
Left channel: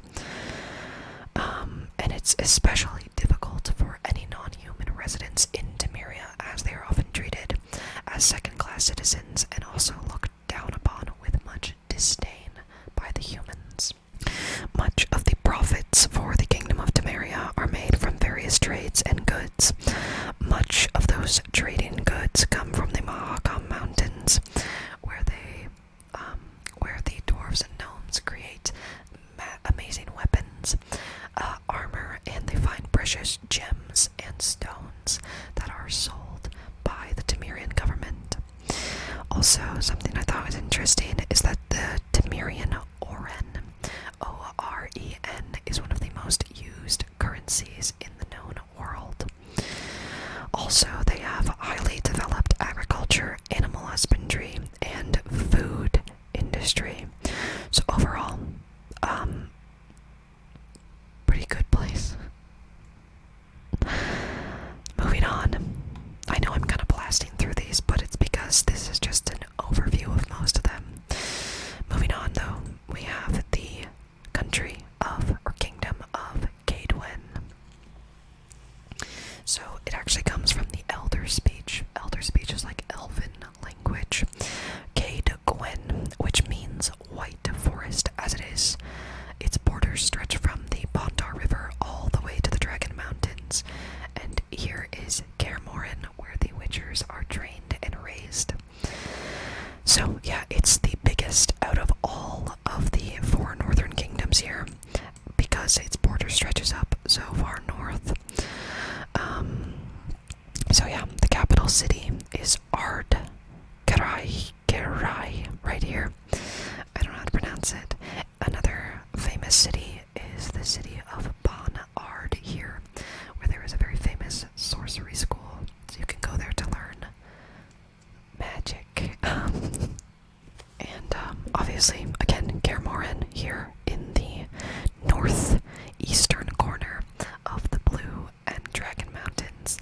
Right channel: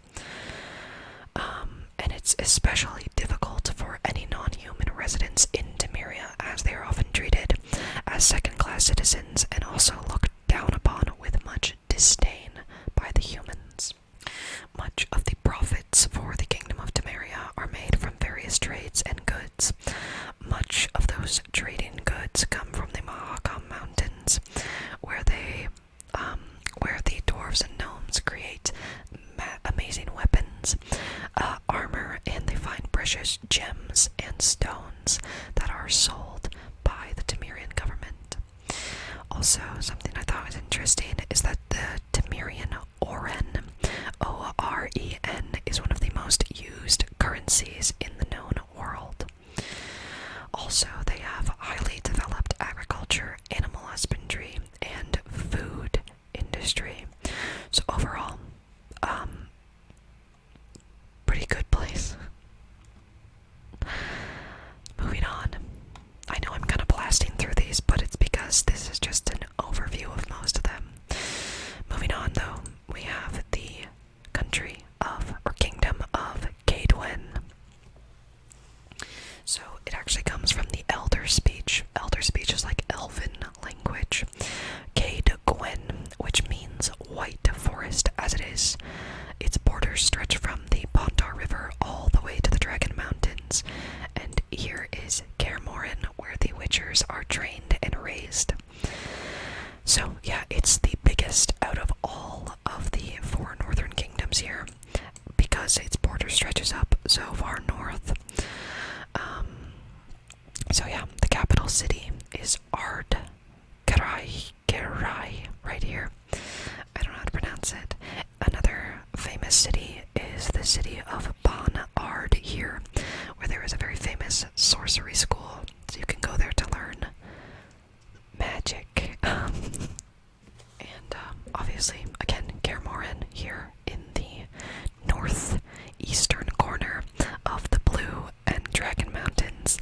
And it's especially difficult for any non-human residents in Temeria, as they are often treated as second-class citizens and also looked down upon with much disdain by the humans. Much of the profits for the Kingdom of Temeria are made from various trades and goods. Much of those trading goods come from the Mahakam Mountains, where the dwarves and gnomes create amazing weapons, armor, and they find precious gems and stones that are sold by the Temerian government. Also, something I thought was interesting is that the Temerian Oren, O-R-E-N, is one of the most used currencies in the known world. Also, they have highly developed agriculture, animal husbandry, and food industry. So overall, pretty good place. Moving on. I know I'm kind of blasting through these, but it's because this is just an overview of most of them. Moving on, though, we have the country of, or kingdom of, Kaedwen. So it actually comes from the Elder speech. Elder speech is like Elven language. Kaedwen, which means white forest, as it is. Its borders stretch from the Pontar River all the way to the Dragon Mountains, and here is Kaer Morhen, where the Witchers are trained and raised. So yeah, it's the biggest out of all of the four northern kingdoms here, because its border stretches up so far north. So yeah, the capital city is Ard Kerai, right here. I don't know how to pronounce it. Another famous city is the city of Ban Ard here, where there is a very famous sorcery school, so you can go there to learn magic. And obviously, again, Kaer Morhen here in the northeastern corner of the Blue and Dragon Mountains.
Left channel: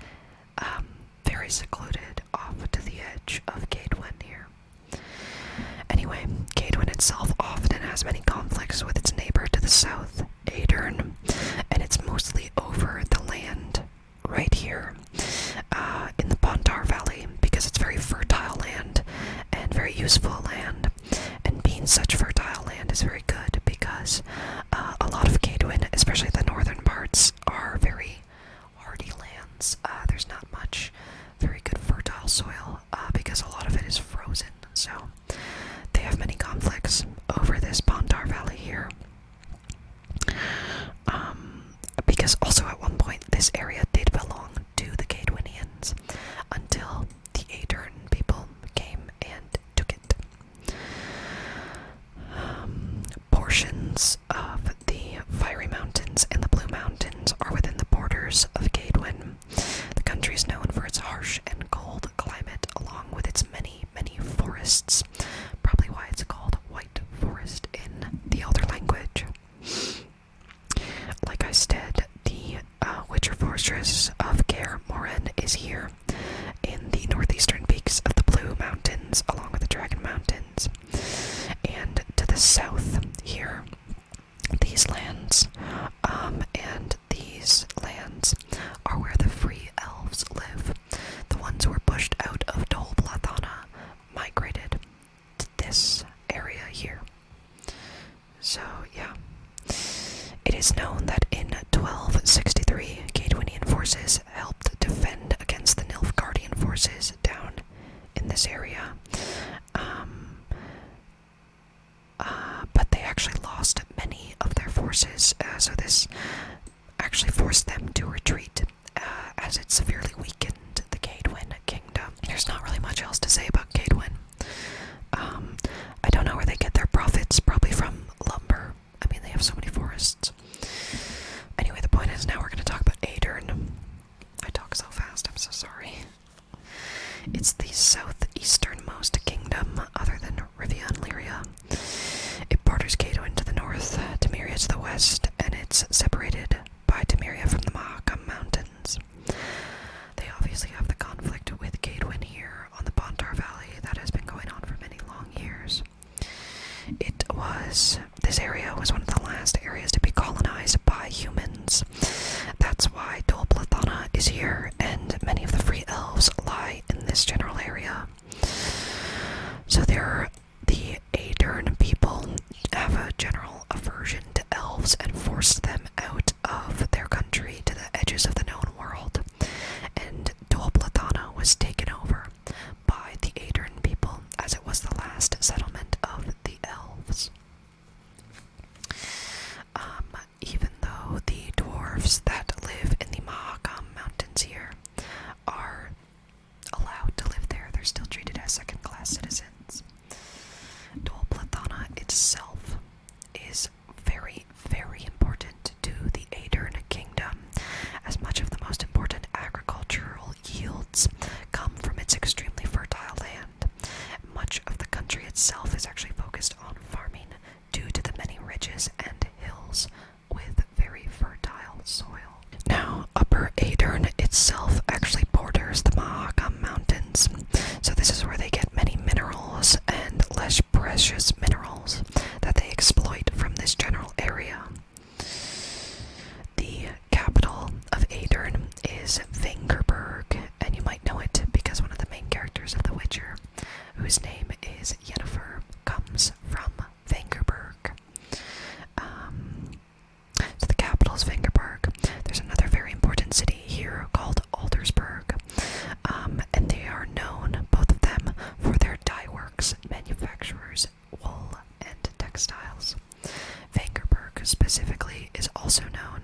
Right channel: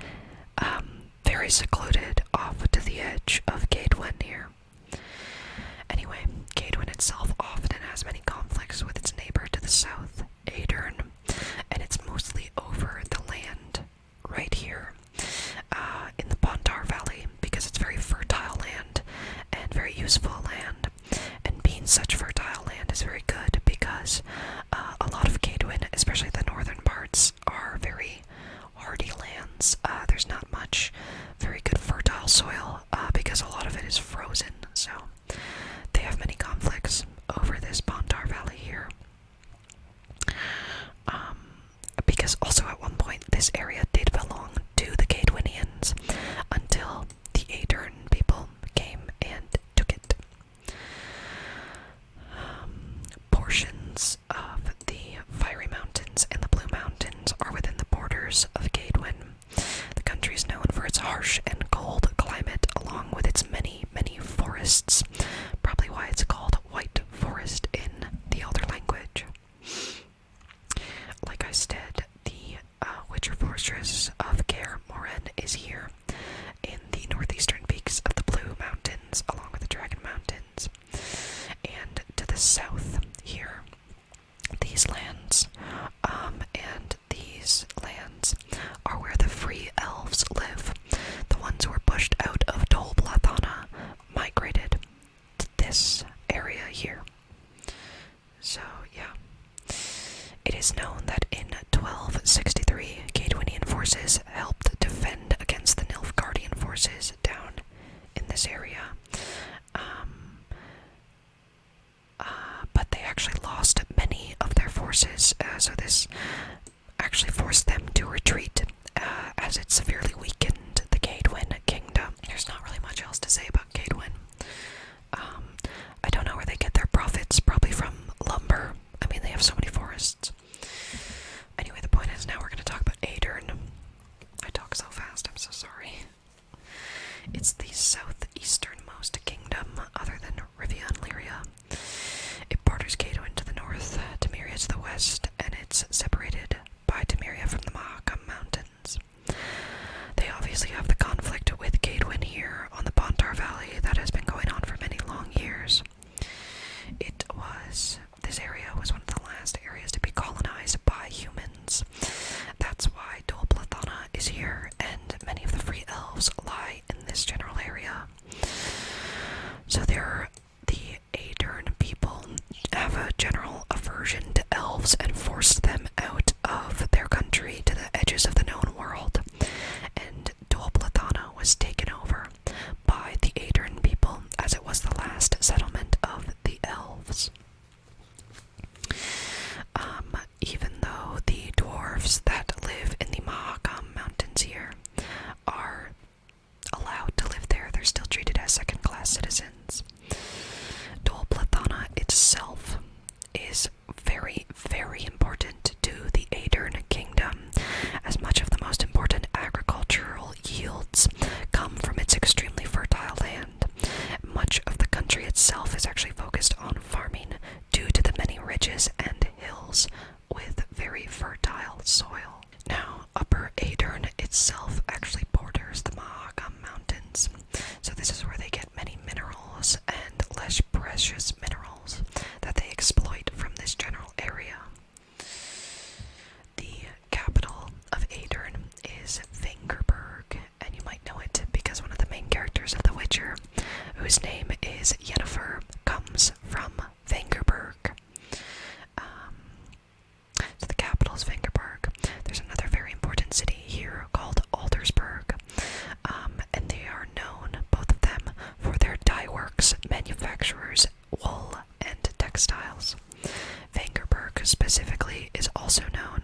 Very secluded off to the edge of Kaedwen here. Anyway, Kaedwen itself often has many conflicts with its neighbor to the south, Aedirn, and it's mostly over the land right here in the Pontar Valley, because it's very fertile land and very useful land. And being such fertile land is very good because a lot of Kaedwen, especially the northern parts, are very hardy lands. There's not much very good fertile soil because a lot of it is frozen. So they have many conflicts over this Pontar Valley here. Because also at one point this area did belong to the Kaedwenians until the Aedirn people came and took it. Portions of the Fiery Mountains and the Blue Mountains are within the borders of Kaedwen. The country is known for its harsh and cold climate, along with its many, many forests. Probably why it's called White Forest in the Elder language. Like I said, the Witcher Fortress of Kaer Morhen is here in the northeastern peaks of the Blue Mountains, along with the Dragon Mountains. And to the south here, these lands, are where the free elves live. The ones who were pushed out of Dol Blathanna migrated to this area here. elves and forced them out of their country to the edges of the known world. And Dol Blathanna was taken over by the Aedirn people, as it was the last settlement of the elves. Even though the dwarves that live in the Mahakam Mountains here are allowed to live there, they're still treated as second-class citizens. Dol Blathanna itself is very, very important to the Aedirn Kingdom, as much of the most important agricultural yields come from its extremely fertile land. Much of the country itself is actually focused on farming due to the many ridges and hills with very fertile soil. Now, Upper Aedirn itself actually borders the Mahakam Mountains, so this is where they get many minerals and less precious minerals that they exploit from this general area. The capital of Aedirn is Vengerberg, and you might know it because one of the main characters of The Witcher, whose name is Yennefer, comes from Vengerberg. So the capital is Vengerberg. There's another very important city here called Aldersburg, and they are known, both of them, for their dye works, manufacturers, wool, and textiles. Vengerberg specifically is also known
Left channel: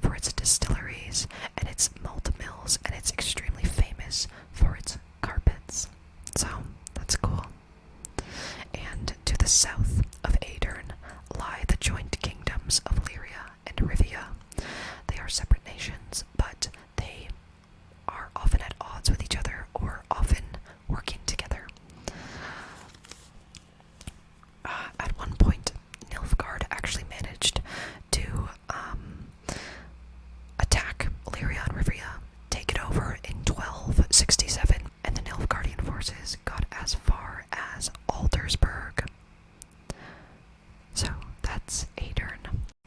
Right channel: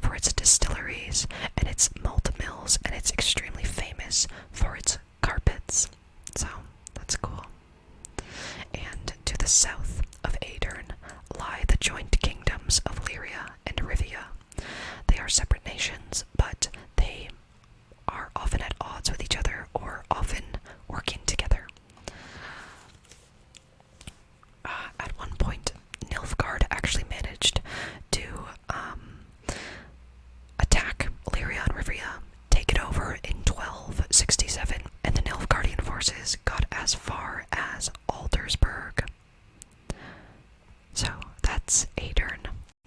for its distilleries and its malt mills, and it's extremely famous for its carpets. So, that's cool. And to the south of Aedirn lie the joint kingdoms of Lyria and Rivia. They are separate nations, but they are often at odds with each other or often working together. At one point, Nilfgaard actually managed to attack Lyria and Rivia, take it over in 1267, and the Nilfgaardian forces got as far as Aldersburg. So that's Aedirn.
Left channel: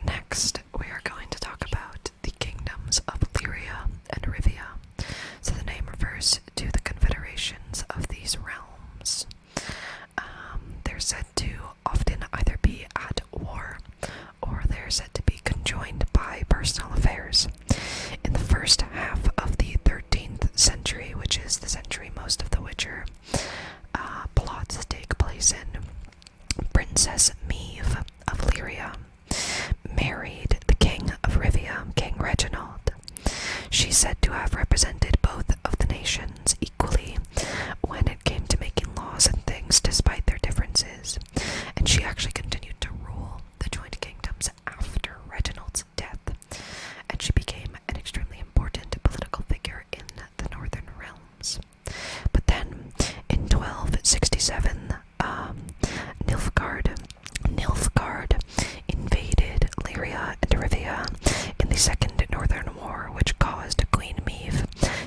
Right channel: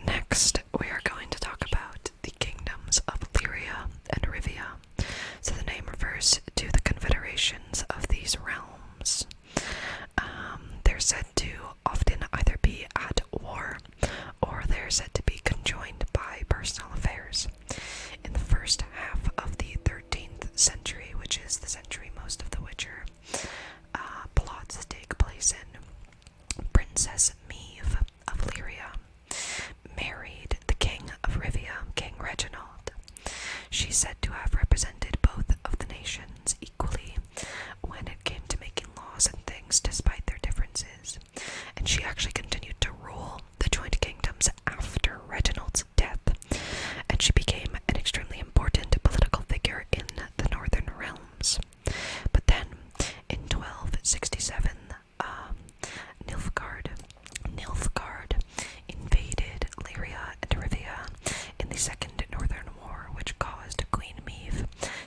Next, we are going to talk about the kingdoms of Lyria and Rivia. So the name refers to the confederations of these realms. They're said to often either be at war or they're said to be conjoined by personal affairs. In the first half of the 13th century, which is the century most of The Witcher plots take place in, Princess Meve of Lyria married the king of Rivia, King Reginald. She's said to have represented both of the nations equally when it came to making laws and things despite their differences, and she actually continued to rule the joint kingdoms after Reginald's death, and she became an extremely important political figure in the northern realms. But then, in 1267, Nilfgaard invaded Lyria and Rivia in the Second Northern War, which caused Queen Meve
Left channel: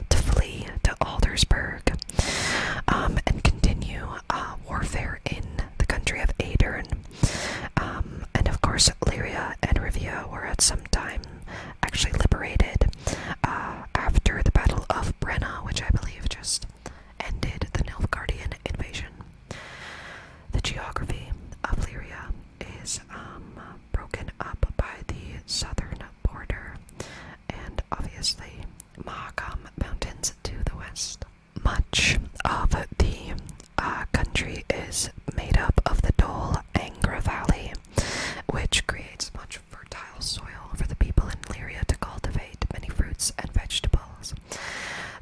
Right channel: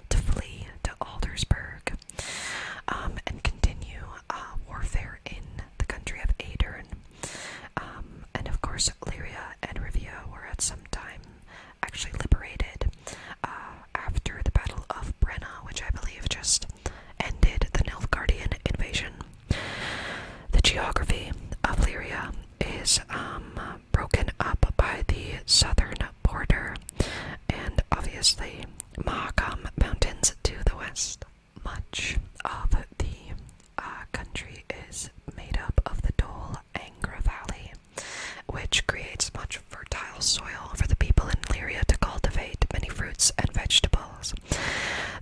to flee to Aldersburg and continue warfare in the country of Aedirn. And of course, Lyria and Rivia were at some time actually liberated after the Battle of Brenna, which I believe just ended the Nilfgaardian invasion. The geography of Lyria is broken up by the southern border and obviously Mahakam Mountains to the west. Much of the country is made up of the Dol Angra Valley, which creates much fertile soil for the people in Lyria to cultivate many fruits and vegetables.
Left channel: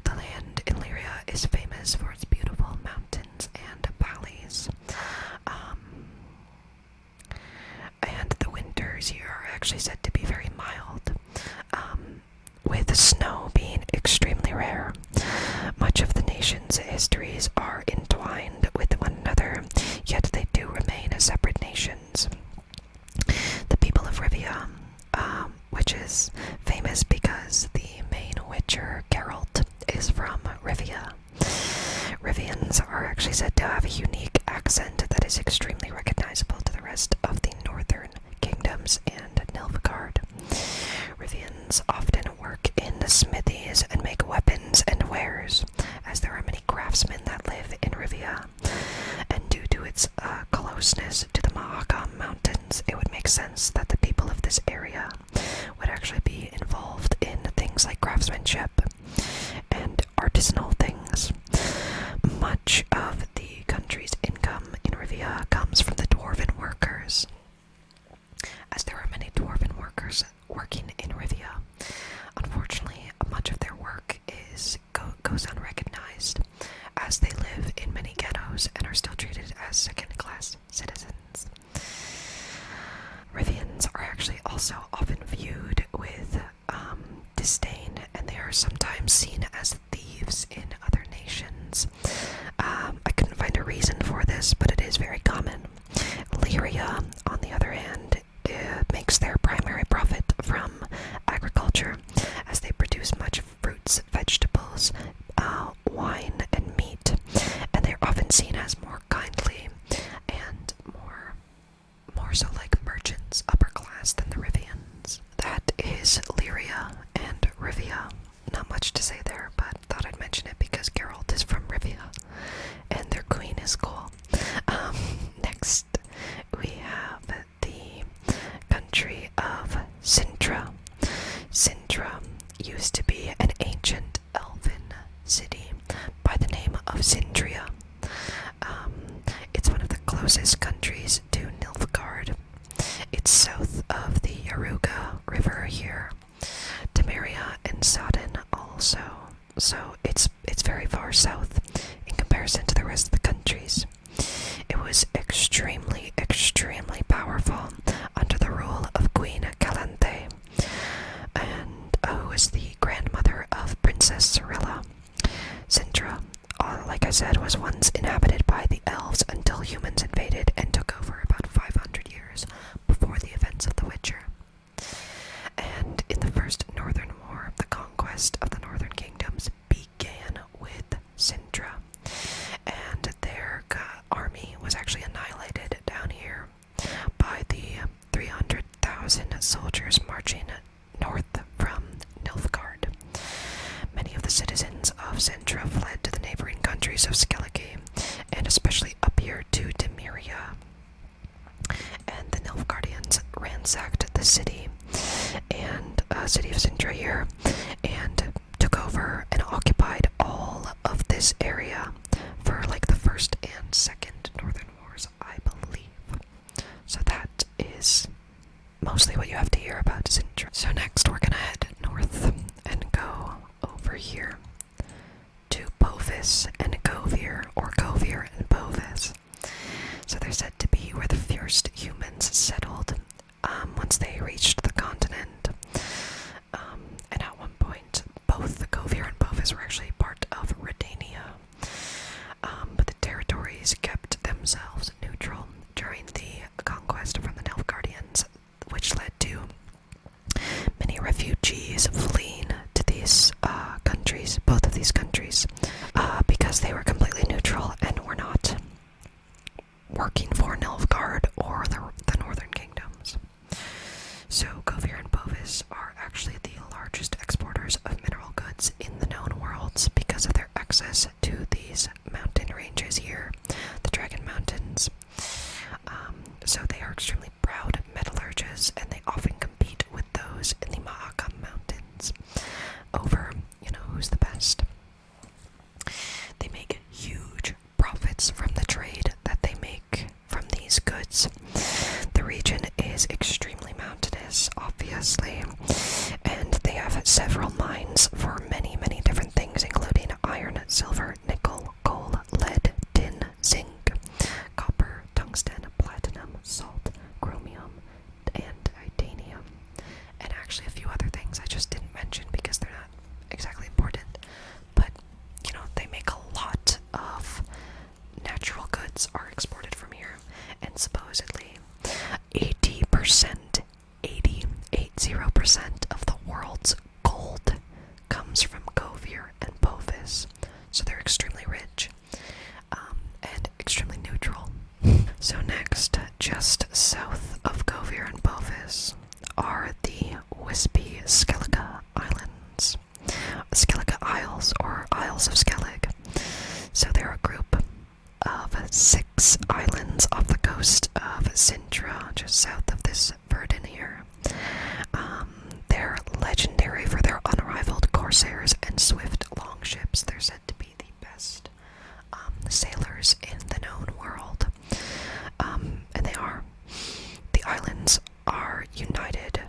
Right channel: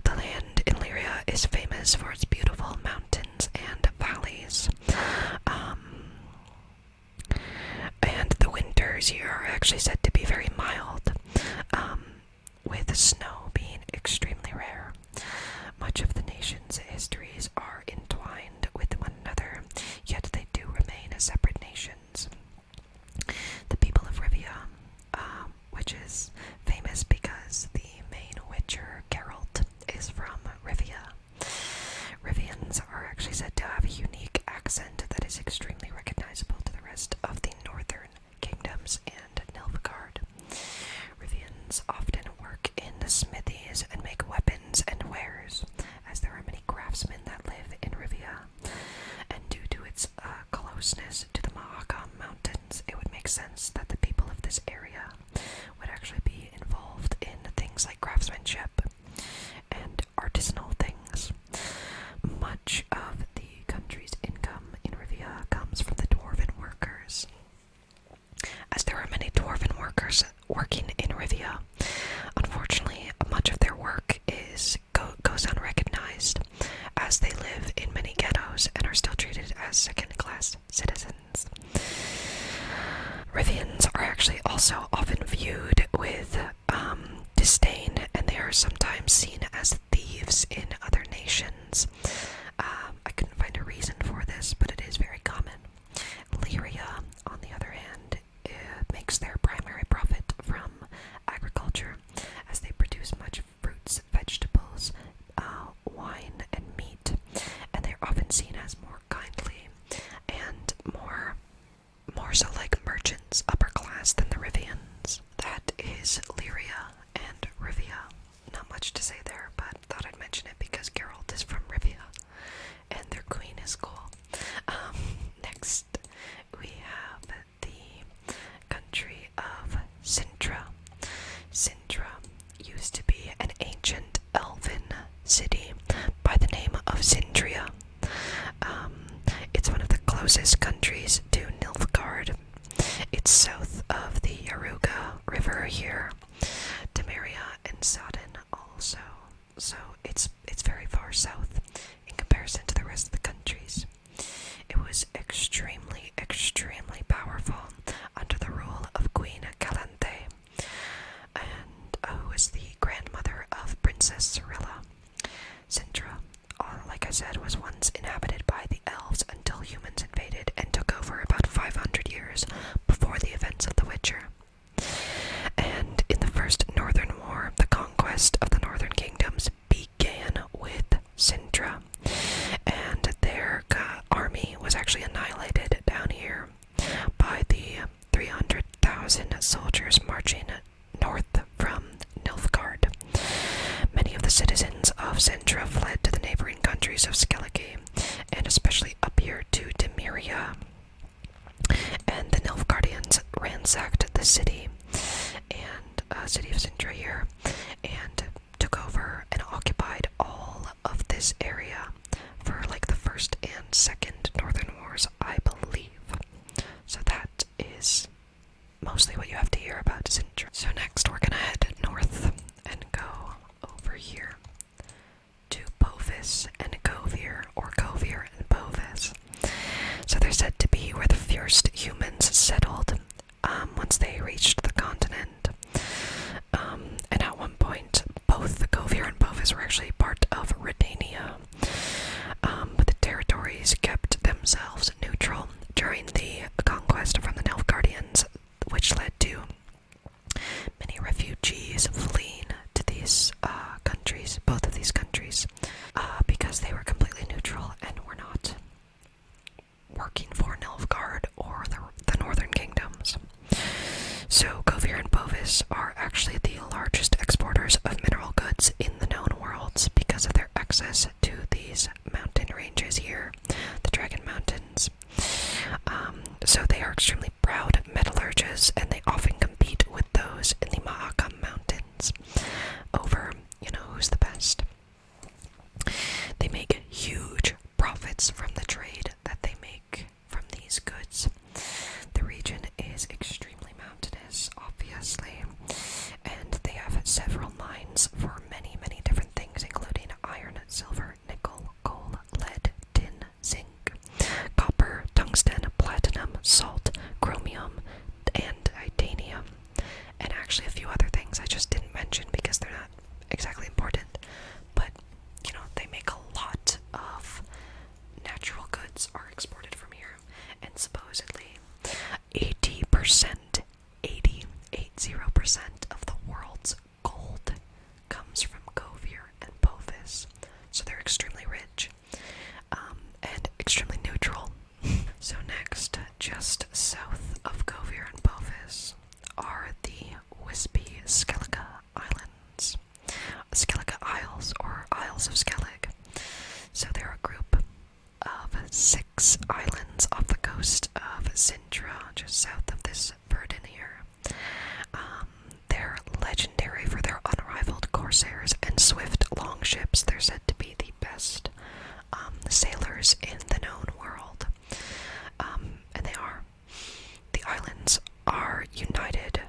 The land in Lyria is famous for its beautiful mountains and valleys. And the winters here are actually said to be very mild, with snow being extremely rare. Much of the nation's histories are entwined with one another, yet they do remain as separate nations. The people of Rivia, which is famous because the main Witcher, Geralt, is from Rivia. Rivians are actually said to have a unique accent that is extremely recognizable to the rest of the northern kingdoms and Nilfgaard. Rivians often work in the smithies and make weapons and wares, as there are many craftsmen that live in Rivia. And due to its closeness to the Mahakam Mountains, it would make sense that the people of this area also often viewed with disdain, and they are sometimes seen as thieves in other nations. I couldn't find a reason for this, but it is very common. Lyria, on the other hand, makes their primary profit from agriculture, as they produce much fruits, vegetables, wine, and meat, and they're often seen as more kindly and more so like merchants, upper class, than the Rivians. That is Lyria and Rivia. Not much to say there, but thought I'd mention it because Geralt is from Rivia, and their queen is cool. Next, we have the country of Sintra. Sintra used to be an ancient elven city by the name of Sindria. It's one of the closest countries to Nilfgaard. It's south of the Yaruga River here, Temeria and Sodden also. So it's very far south in comparison to the rest of the countries. It was extremely, extremely powerful under the rule of Queen Calanthe, and who was the grandmother of Princess Cyrilla. Sintra, like I said, was once inhabited by the elves until humans invaded and took over about 500 years before the events of The Witcher. And in the First Northern War, the conquest of the Northern Kingdoms began with Sintra, and their army was actually annihilated down here by the 300,000 soldiers marching north from Nilfgaard. Many of the citizens of Sintra fled to the neighboring countries of Skellige, and especially up here to Temeria. And the Nilfgaardians ransacked the city of Sintra here, and took over and occupied all of this area for like the First and Second Northern Wars, I believe. So that is mostly what you have to hear about Sintra. So next we're gonna head north and go over here to Povis and Kovir, or Kovir and Povis. So they're said to be where the first humans settled once they reached the continent. And at one point, both the Kovir and Povis were actually part of Redania. But the territories kept themselves neutral during the conquest from the Nilfgaardians, which led to many refugees fleeing to these countries, both of these countries, because they were completely neutral and were not working for Nilfgaard or the Northern Kingdoms. So Kovir and Povis are actually the largest exporters of mineral goods in the known worlds because of their access to these mountain ranges here, the Dragon Mountains. So they are extremely proud metallurgists, and they often compete with those in the Mahakam Mountains over, who's the best. They make huge profits from the trade that they make from these goods. The region is extremely mountainous, obviously, and they have several mines for many, many different things, including iron, silver, nickel, coal, lead, tin, zinc, copper, tungsten, platinum, salt, chromium, and titanium, and actually a few other things I just didn't mention because they're not exactly important. But they make a lot of natural goods are exported from here, and supposedly 80% of the world's gold comes from Kovir and Povis. So they're extremely rich, and extremely neutral. So next, just south of Kovir and Povis, are the wispy Skellige Islands. Skellige Isles, or Isles of Skellig. So they're a group of 6 islands off the coast of Sintra, just south of this Verdun here. They're legendary for their unrivaled corsairs and swift longships. They're said to be the best sailors in the known world. And they are. The islands are united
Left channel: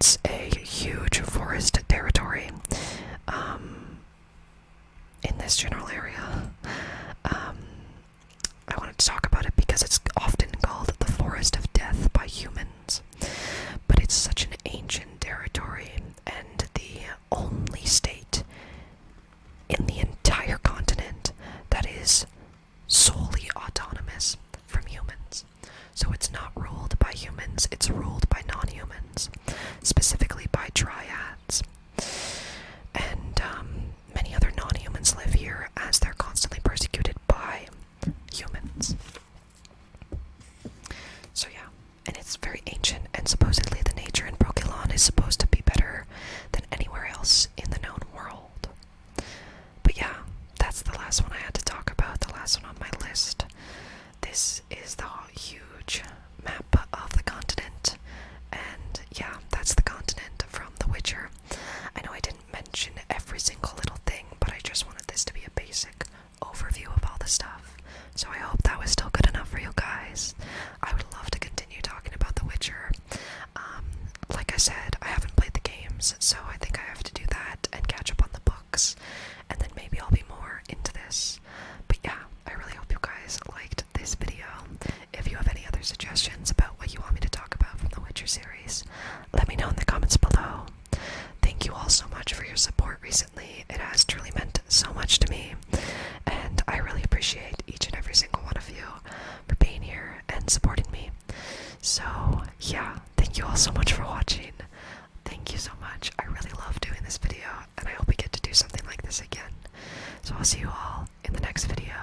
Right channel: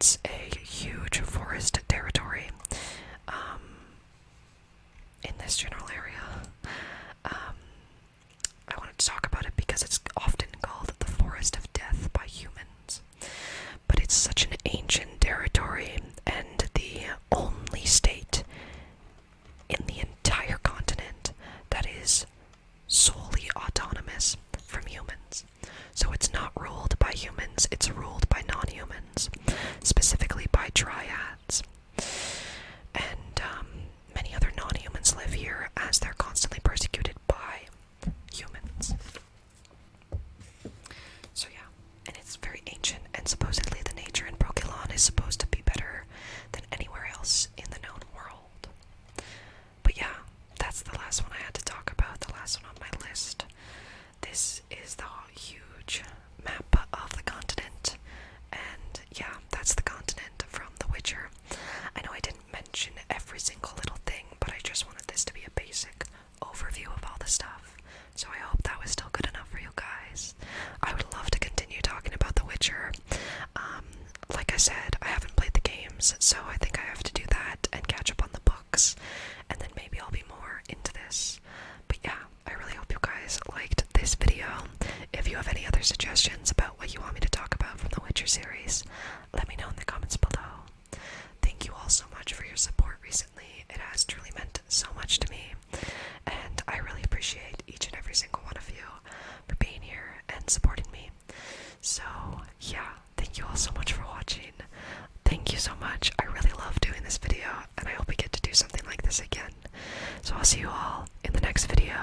it's a huge forest territory in this general area. I wanted to talk about it because it's often called the Forest of Death by humans. But it's such an ancient territory, and the only state in the entire continent that is solely autonomous from humans. So it's not ruled by humans, it's ruled by non-humans, specifically by dryads. And many other non-humans live here as they're constantly persecuted by humans. So yeah, and it's very ancient, and supposedly the nature in Brokilon is supposed to be better than anywhere else in the known world. But yeah, that's the last one I had to talk about, the last one on my list. This is the huge map of the continent, and yeah, that's the continent from The Witcher. I know I didn't mention every single little thing, but I just wanted this to be a basic overview of all the stuff. So I hope that was still good enough for you guys. I would love to continue talking about The Witcher. Like I said, I haven't played the games, so I think I have to do that and catch up on the books, and then maybe I'll be more into this. But yeah, I really hope you guys liked this video. If you have any other suggestions about what you want me to talk about from the Witcher series, let me know in the comments below. Thank you all so much for your support recently. It has truly meant so much to me, and I really appreciate each and every single one of you for being here and supporting me. So yeah, thank you all so much for watching. Thank you so much. I really love doing this video, and I hope we get to do something like this again. So I'll see you all in the next video.